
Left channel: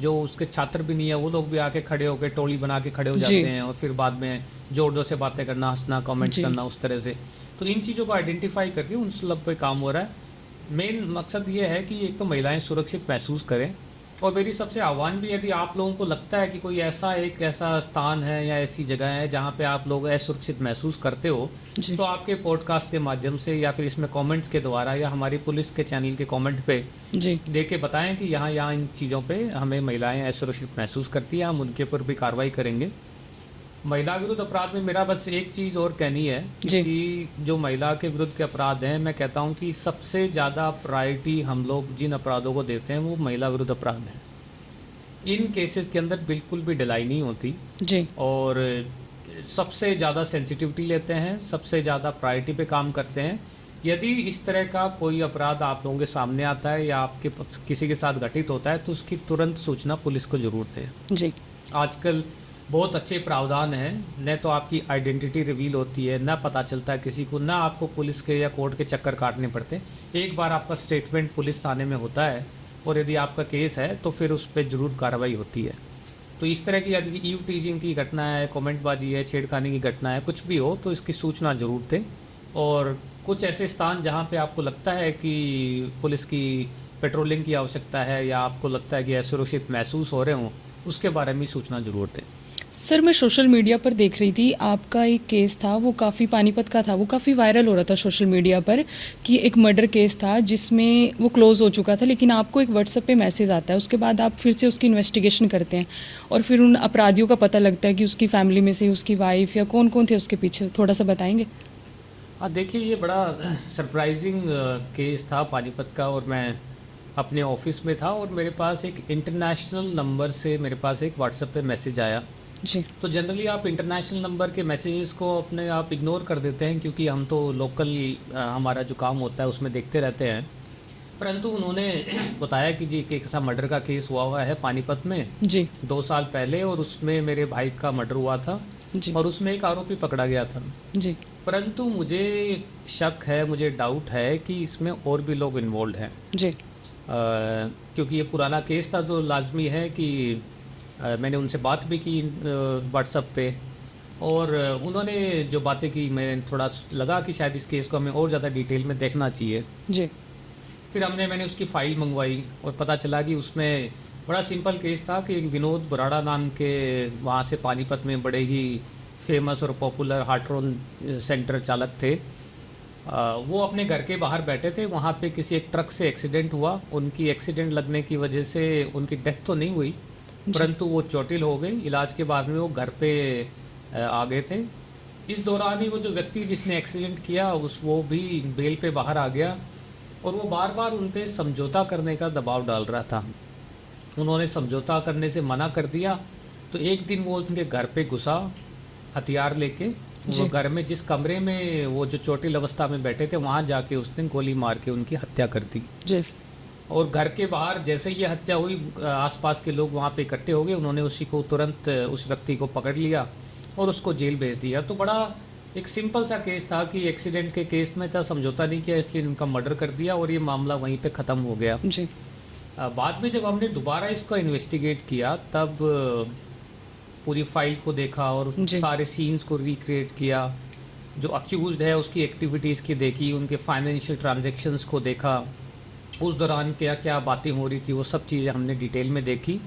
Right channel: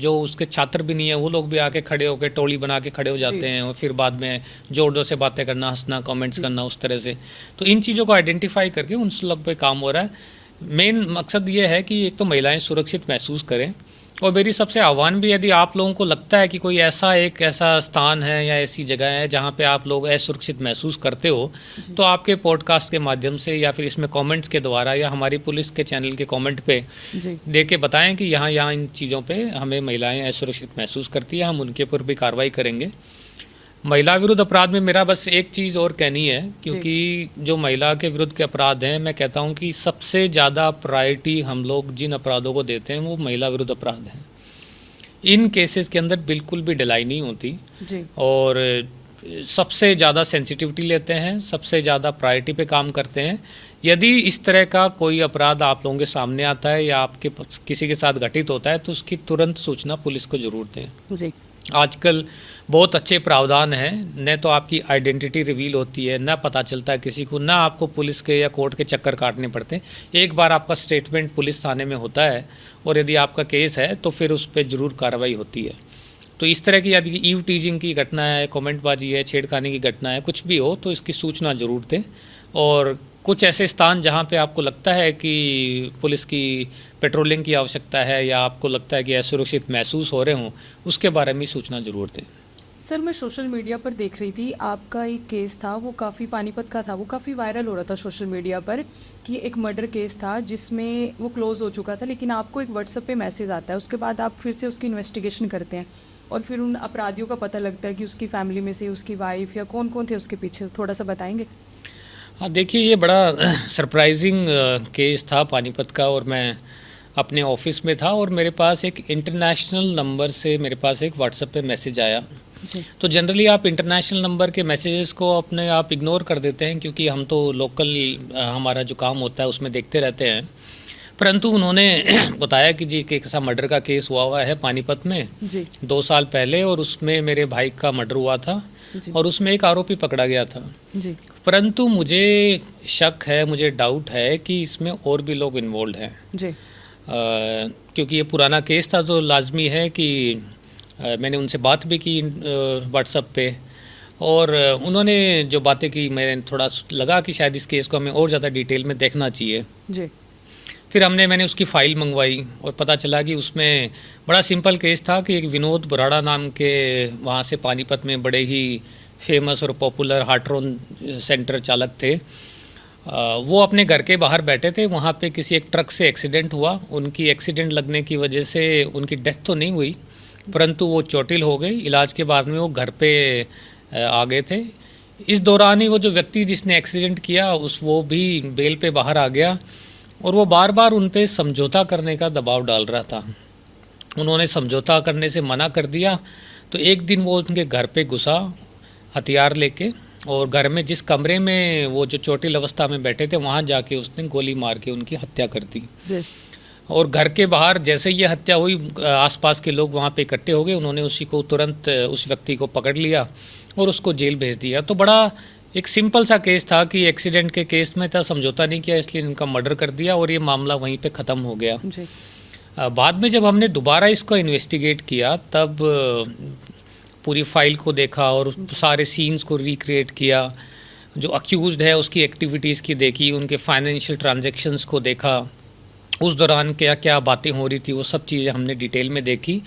जो उसके छात्र भी नहीं है वो लोग भी आके खड़े होकर टोली बना के खड़े हो जाते हैं, और फिर बाद में जोर जोर से बातें करना, हंसना, कमेंट्स करना, उस तरह से। तो इन चीज़ों को आइडेंटिफाई करके उन लोग पे काम हो रहा है। मेन मकसद ये है कि एक तो महिलाएं सुरक्षित महसूस करें, और मेरी सबसे आह्वान भी, यदि आप लोगों को लगता है कि कोई ऐसा स्थान है या ऐसी जगह है जहाँ पे आप लोग असुरक्षित महसूस करते हो, तो आपके पॉडकास्ट के माध्यम से या फिर इसमें कमेंट्स के द्वारा या हमारी पुलिस के चैनल के कमेंट पे दे के बताएं कि यहाँ इन चीज़ों पे हमें महिलाएं असुरक्षित महसूस करती है, हम उनके ऊपर भी कार्रवाई करेंगे। महिला विरुद्ध अपराध में मेरा बस एक चीज़ और कहनी है, क्योंकि जो महिला के विरुद्ध के अपराध हैं, मैं कहता हूं कि सबसे ज़्यादा प्रायोरिटी हम लोग जिन अपराधों को देते हैं वो महिला विरुद्ध अपराध हैं। इन केसेस के अंदर बिल्कुल भी ढिलाई नहीं होती जी, और सबसे ज़्यादा सेंसिटिविटी लेते हैं, सबसे ज़्यादा प्रायोरिटी पे काम करते हैं। यदि इस तरह का कोई अपराध आप लोगों के सामने आता है या आपके किसी के साथ घटित होता है तो उसकी तुरंत सूचना पुलिस को ज़रूर दें। जी। आजकल बहुत अच्छे प्रावधान हैं, न तो आपकी आइडेंटिटी रिवील होती है, न पता चलता है किसी को, ना आपको पुलिस के या कोर्ट के चक्कर काटने पड़ते। एक बार आपका स्टेटमेंट पुलिस थाने में होता है और यदि आपका केस है तो फिर उस पर ज़रूर कार्रवाई होती है। तो इस तरह की यदि ईव टीजिंग की घटना है, कमेंटबाजी है, छेड़खानी की घटना है, कुछ भी हो तो इसकी सूचना ज़रूर दें। और कुछ ऐसे स्थान जहाँ पे आपको लगता है कि पुलिस की पेट्रोलिंग की आवश्यकता है या आपको लगता है कि असुरक्षित महसूस हो रहे हों, उसके बारे में सूचना ज़रूर दें। सर, मैं सोशल मीडिया पर देख रही थी, आपका एक केस था, वो काफ़ी पानीपत का था, वो काफ़ी वायरल हो रहा था सोशल मीडिया पर, कि एक मर्डर केस था जिसमें वो क्लोज़ हो चुका था, लेकिन आपको एक व्हाट्सएप पे मैसेज आता है, उसके बाद आप फिर से उसकी इन्वेस्टिगेशन करते हैं और फिर उन अपराधियों का पता लगता है कि उसकी फैमिली में से उसकी वाइफ या कौन कौन थे उसके पीछे, थोड़ा सा बताएंगे? हाँ, देखिए, ये बड़ा सरप्राइजिंग केस था पानीपत का, और मैं अपने ऑफिस में था और मेरे पास एक इंटरनेशनल नंबर से मेरे पास एक व्हाट्सएप पे मैसेज आया। जी। तो जनरली आप इंटरनेशनल नंबर के मैसेजेस को अपने आप इग्नोर कर देते हैं, क्योंकि हम तो लोकल हमारा जो काम होता है उसमें देखते रहते हैं। परंतु उन्होंने बताया कि जी एक ऐसा मर्डर का केस हुआ है पानीपत में जी। 2 साल पहले, और उसमें मेरे भाई का मर्डर हुआ था। जी। और उसमें एक आरोपी पकड़ा गया था। जी। परंतु मुझे शक है, मुझे डाउट है कि इसमें और भी लोग इन्वॉल्व हैं। जी। क्योंकि ये पुराना केस था तो लाजमी है कि मैंने उनसे बात भी की व्हाट्सएप पे, और उन्होंने जो बातें की, मैं थोड़ा लगा कि शायद इस केस को हमें और ज़्यादा डिटेल में देखना चाहिए। जी। फिर मैंने उसकी फ़ाइल मंगवाई और पता चला कि उसमें बड़ा सिंपल केस था कि एक विनोद बराड़ा नाम के वहाँ से पानीपत में बड़े ही फेमस और पॉपुलर हार्ट्रोन सेंटर चालक थे। वो अपने घर के बाहर बैठे थे, वहाँ पे किसी एक ट्रक से एक्सीडेंट हुआ। उनकी एक्सीडेंट लगने की वजह से उनकी डेथ तो नहीं हुई, परंतु वो चोटिल हो गई। इलाज के बाद में वो घर पे आ गए थे। इस दौरान ही वो जो व्यक्ति जिसने एक्सीडेंट किया वो भी बेल पे बाहर आ गया, और वो बार बार उन पे समझौता करने का दबाव डाल रहा था। उन्होंने समझौता करने से मना कर दिया, तो एक दिन वो उनके घर पे घुसा हथियार लेके, और घर में जिस कमरे में वो जो चोटिल अवस्था में बैठे थे वहाँ जाके उसने गोली मार के उनकी हत्या कर दी। जी। और घर के बाहर जैसे ये हत्या हुई, आसपास के लोग वहाँ पे इकट्ठे हो गए। उन्होंने उसी को तुरंत उस व्यक्ति को पकड़ लिया और उसको जेल भेज दिया। तो बड़ा एक सिंपल सा केस था कि एक्सीडेंट के केस में था, समझौता नहीं किया, इसलिए इनका मर्डर कर दिया और ये मामला वहीं पे ख़त्म हो गया। जी। बाद में जब हमने दोबारा इसको इन्वेस्टिगेट किया, तब पूरी फाइल को देखा और सारे सीन्स को रिक्रिएट किया, जो अक्यूज्ड है उसकी एक्टिविटीज़ की देखी, उनके फाइनेंशियल ट्रांजैक्शंस को देखा, उस दौरान क्या क्या बातें हो रही थी, वो सब चीज़ें हमने डिटेल में देखी।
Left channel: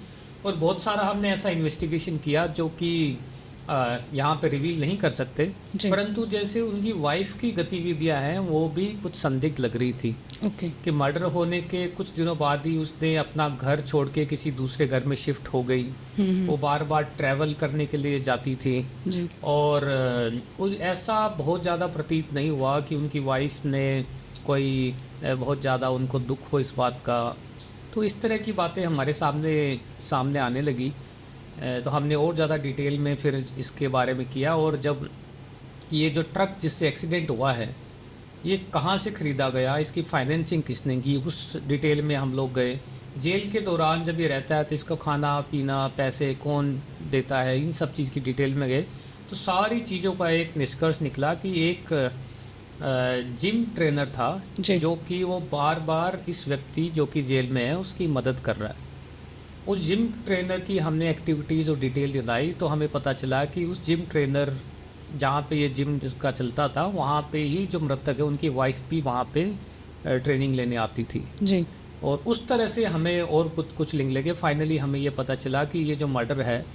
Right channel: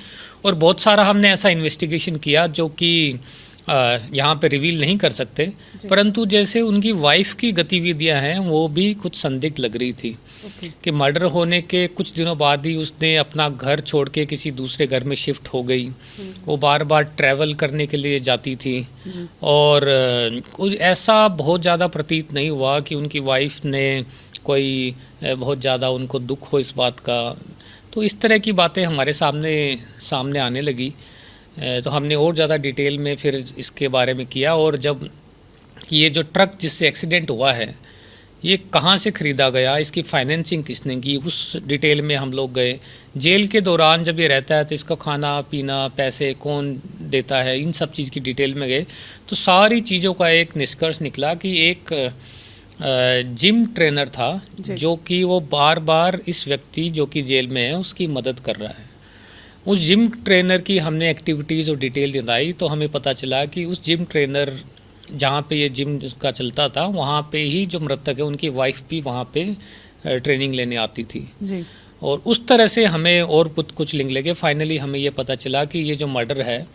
और बहुत सारा हमने ऐसा इन्वेस्टिगेशन किया जो कि यहाँ पे रिवील नहीं कर सकते, परंतु जैसे उनकी वाइफ की गतिविधियाँ हैं वो भी कुछ संदिग्ध लग रही थी। ओके। कि मर्डर होने के कुछ दिनों बाद ही उसने अपना घर छोड़ के किसी दूसरे घर में शिफ्ट हो गई। वो बार बार ट्रैवल करने के लिए जाती थी, जी। और कुछ ऐसा बहुत ज़्यादा प्रतीत नहीं हुआ कि उनकी वाइफ ने कोई बहुत ज़्यादा उनको दुख हो इस बात का। तो इस तरह की बातें हमारे सामने आने लगी। तो हमने और ज़्यादा डिटेल में फिर इसके बारे में किया, और जब ये जो ट्रक जिससे एक्सीडेंट हुआ है ये कहाँ से ख़रीदा गया, इसकी फाइनेंसिंग किसने की, उस डिटेल में हम लोग गए। जेल के दौरान जब ये रहता है तो इसका खाना पीना, पैसे कौन देता है, इन सब चीज़ की डिटेल में गए। तो सारी चीज़ों का एक निष्कर्ष निकला कि एक जिम ट्रेनर था जो कि वो बार बार इस व्यक्ति जो कि जेल में है उसकी मदद कर रहा है। उस जिम ट्रेनर की हमने एक्टिविटीज़ और डिटेल दिलाई, तो हमें पता चला कि उस जिम ट्रेनर जहाँ पे ये जिम का चलता था वहाँ पे ही जो मृतक है उनकी वाइफ भी वहाँ पे ट्रेनिंग लेने आती थी। जी। और उस तरह से हमें और कुछ लिंक लगे। फाइनली हमें ये पता चला कि ये जो मर्डर है,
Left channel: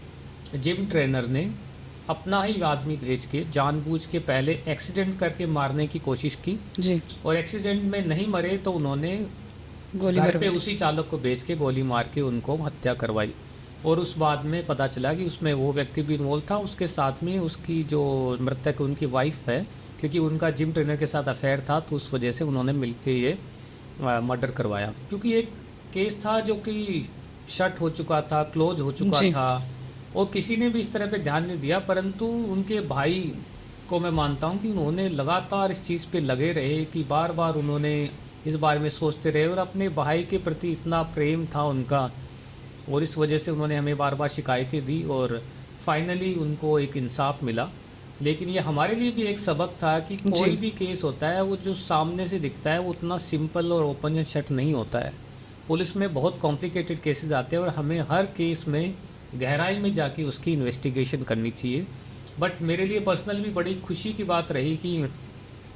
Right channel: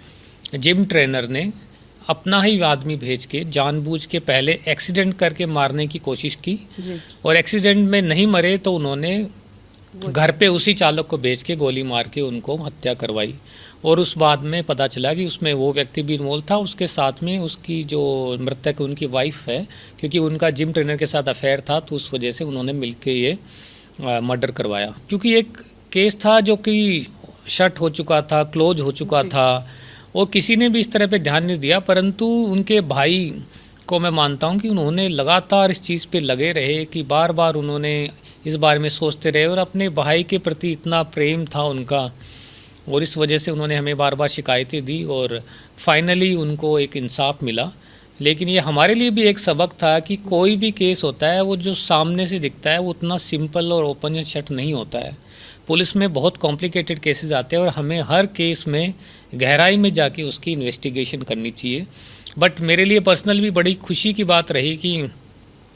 जिम ट्रेनर ने अपना ही आदमी भेज के जानबूझ के पहले एक्सीडेंट करके मारने की कोशिश की, जी। और एक्सीडेंट में नहीं मरे तो उन्होंने घर पे उसी चालक को भेज के गोली मार के उनको हत्या करवाई। और उस बाद में पता चला कि उसमें वो व्यक्ति भी इन्वॉल्व था, उसके साथ में उसकी जो मृतक उनकी वाइफ है, क्योंकि उनका जिम ट्रेनर के साथ अफेयर था, तो उस वजह से उन्होंने मिलके ये मर्डर करवाया। क्योंकि एक केस था जो कि शट हो चुका था, क्लोज हो चुका था, और किसी ने भी इस तरह पे ध्यान नहीं दिया। परंतु उनके भाई को मैं मानता हूँ कि उन्होंने लगातार इस चीज़ पे लगे रहे, कि बार बार उन्होंने इस बारे में सोचते रहे, और अपने भाई के प्रति इतना प्रेम था उनका, और इस वजह से उन्होंने हमें बार बार शिकायतें दी, और फाइनली उनको एक इंसाफ मिला। लेकिन ये हमारे लिए भी एक सबक था कि कोई भी केस होता है वो जो सामने से दिखता है वो उतना सिंपल और ओपन एंड शट नहीं होता है। पुलिस में बहुत कॉम्प्लिकेटेड केसेस आते हैं, और हमें हर केस में गहराई में जाके उसकी इन्वेस्टिगेशन करनी चाहिए। बट मेरे लिए पर्सनल भी बड़ी खुशी की बात रही कि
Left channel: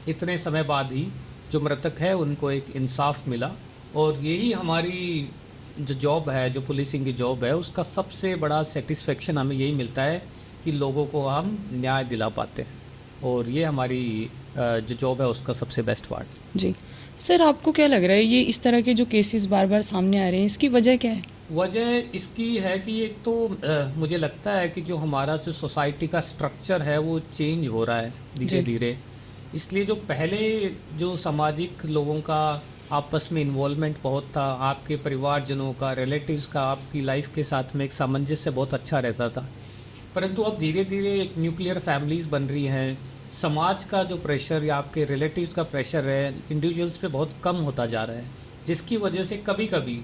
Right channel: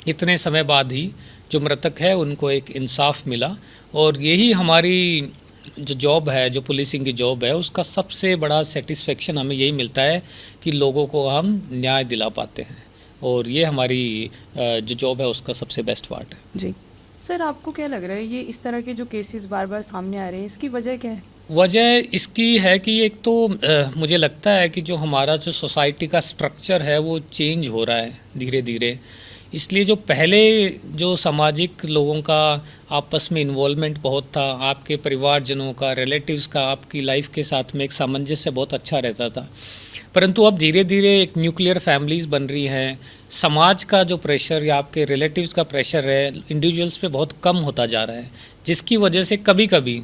इतने समय बाद ही जो मृतक है उनको एक इंसाफ मिला, और यही हमारी जो जॉब है, जो पुलिसिंग की जॉब है, उसका सबसे बड़ा सेटिस्फेक्शन हमें यही मिलता है कि लोगों को हम न्याय दिला पाते हैं, और ये हमारी जो जॉब है उसका सबसे बेस्ट पार्ट है। जी सर, आपको क्या लग रहा है ये इस तरह के जो केसेस बार बार सामने आ रहे हैं, इसकी वजह क्या है? वजह इसकी है कि एक तो मुझे लगता है कि जो हमारा जो सोसाइटी का स्ट्रक्चर है वो चेंज हो रहा है धीरे धीरे। इसलिए जो पहले जो सामाजिक लोगों का आपस में इन्वॉल्वमेंट बहुत था, आपके परिवारजनों का, रिलेटिव्स का आपकी लाइफ के साथ में एक सामंजस्य बहुत अच्छा रहता था, परंतु अब धीरे धीरे एक न्यूक्लियर फैमिलीज़ बन रही हैं। समाज का जो प्रेशर या आपके रिलेटिव्स का प्रेशर है इंडिविजुअल्स पे बहुत कम होता जा रहा है, जिसकी वजह से कभी कभी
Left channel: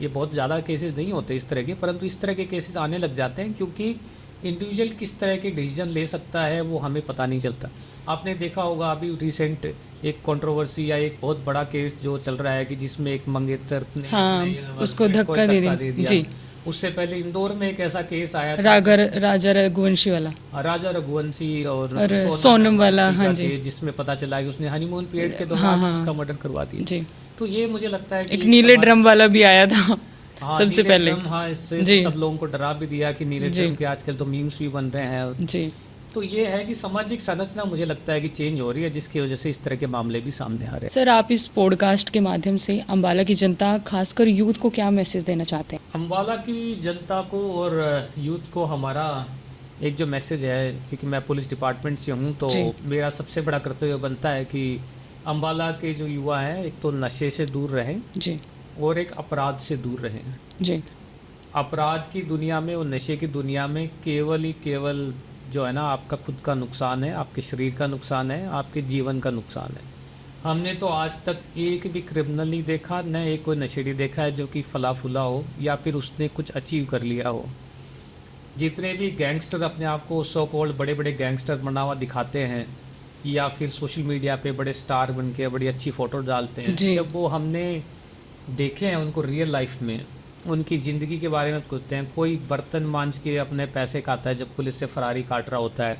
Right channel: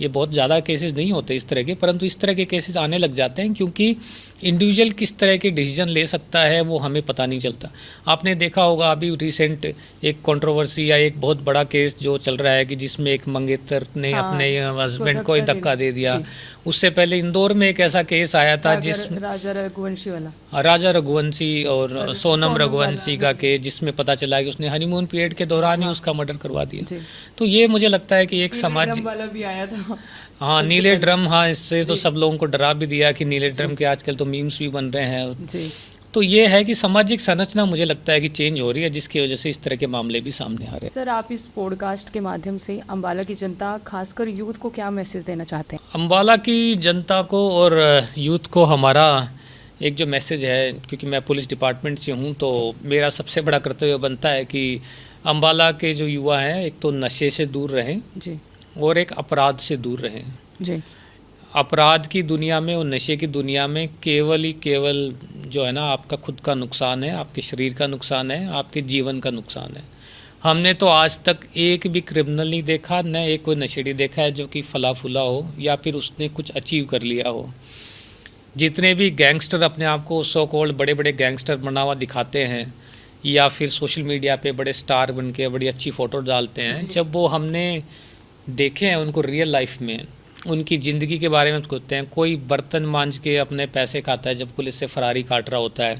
ये बहुत ज़्यादा केसेस नहीं होते इस तरह के, परंतु इस तरह के केसेस आने लग जाते हैं क्योंकि इंडिविजुअल किस तरह के डिसीजन ले सकता है वो हमें पता नहीं चलता। आपने देखा होगा अभी रिसेंट एक कंट्रोवर्सी या एक बहुत बड़ा केस जो चल रहा है कि जिसमें एक मंगेतर ने हाँ, अपने उसको हस्बैंड को ही धक्का दे धक्का दिया। दे दिया। जी। उससे पहले इंदौर में एक ऐसा केस आया था राजा रघुवंशी वाला। राजा रघुवंशी और सोनम सोनम वाला, रघुवंशी हाँ का जी। केस, जिसमें पता चला कि उसने हनीमून पीरियड के दौरान ही हाँ, उसका मर्डर करवा दिया। जी। तो ये मुझे लगता है कि एक नीले सामाजिक- ड्रम वाला भी आया था हाँ, सबसे नीले पहले। ड्रम, हाँ, इससे तो जी। सब लोगों को डरा भी दिया कि नीले जी। ड्रम के आजकल तो मीम्स भी बन रहे हैं। जी। तो ये है कि सामाजिक संरचना मुझे लगता है कि चेंज हो रही है, जिसकी वजह से इस तरह के मामले भी सामने आ रहे हैं। सर, आप इस पॉडकास्ट के माध्यम से अम्बाला की जनता, खासकर यूथ को क्या मैसेज देना चाहते हैं? अम्बाला की जनता को और यूथ को हमारा एक जो मैसेज है, क्योंकि मैं पुलिस डिपार्टमेंट से हूँ तो जी। मेरा सबसे बड़ा कर्तव्य बनता है कि अम्बाला के जो युवा हैं एक तो नशे से दूर रहें जी। और एक अपराध से दूर रहें। जी। अपराध की दुनिया में और नशे की दुनिया में केवल जो है ना, आपका खुद का नुकसान है, आपके शरीर का नुकसान है, आपके जीवन का नुकसान है। हमने तो आज तक एक भी क्रिमिनल नहीं देखा, न एक कोई नशेड़ी देखा है जो कि फला फूला हो या फिर उसने कुछ अचीव कर लिया हो। जितने भी गैंगस्टर अपने आप को सो कॉल्ड बड़े बड़े गैंगस्टर बना हुआ दिखाते हैं या फिर सोशल मीडिया पे बड़े स्टार बन के बड़ी अच्छी फ़ोटो डालते हैं, जी। जब वो हमने देखे हैं उनको रियल लाइफ में, उनकी ज़िंदगी के बारे में पूछते हैं। कोई बर्तन मांज के अपने पैसे खाता है जब पुलिस से फरारी काट रहा होता है,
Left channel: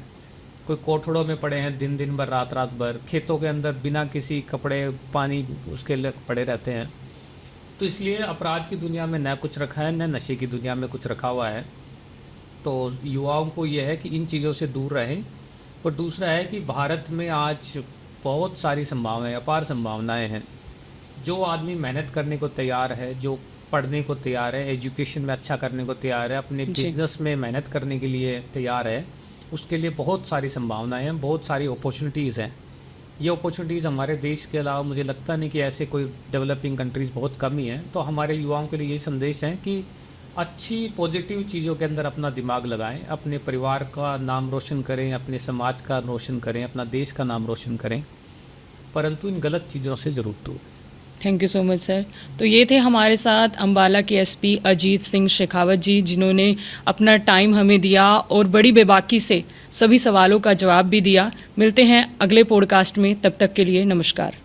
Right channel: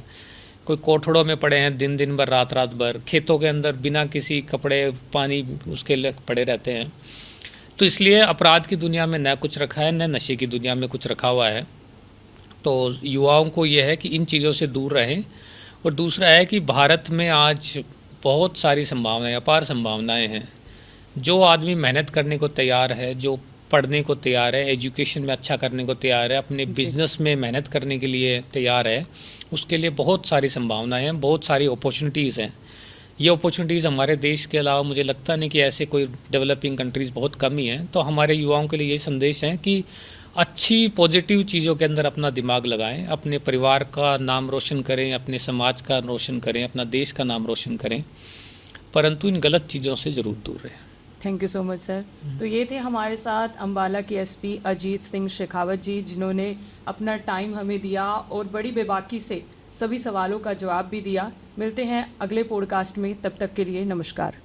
कोई कोठड़ों में पड़े हैं दिन भर रात भर, खेतों के अंदर बिना किसी कपड़े पानी उसके लिए पड़े रहते हैं। तो इसलिए अपराध की दुनिया में न कुछ रखा है, न नशे की दुनिया में कुछ रखा हुआ है। तो युवाओं को ये है कि इन चीज़ों से दूर रहें। और दूसरा है कि भारत में आज बहुत सारी संभावनाएं, अपार संभावनाएं हैं। जो आदमी मेहनत करने को तैयार है, जो पढ़ने को तैयार है, एजुकेशन में अच्छा करने को तैयार है, अपने बिजनेस में मेहनत करने के लिए तैयार है, उसके लिए बहुत सारी संभावनाएं हैं, बहुत सारी अपॉर्चुनिटीज़ हैं। ये अपॉर्चुनिटीज़ हमारे देश के अलावा मुझे लगता नहीं कि ऐसे कोई डेवलपिंग कंट्रीज़ बहुत कम ही हैं। तो हमारे युवाओं के लिए ये संदेश है कि अच्छी पॉजिटिव चीज़ों के अंदर अपना दिमाग लगाएं, अपने परिवार का नाम रोशन करें, अपने समाज का रोशन करें, अपना देश का नाम रोशन करें, परंतु इन गलत चीज़ों से ज़रूर दूर रहें। Thank you so much sir. तो ये थे हमारे साथ अम्बाला के एसपी अजीत सिंह शेखावत जी, जिन्होंने अपना टाइम हमें दिया और बड़ी बेबाकी से सभी सवालों का जवाब भी दिया। मिलते हैं अगले पॉडकास्ट में, तब तक के लिए नमस्कार।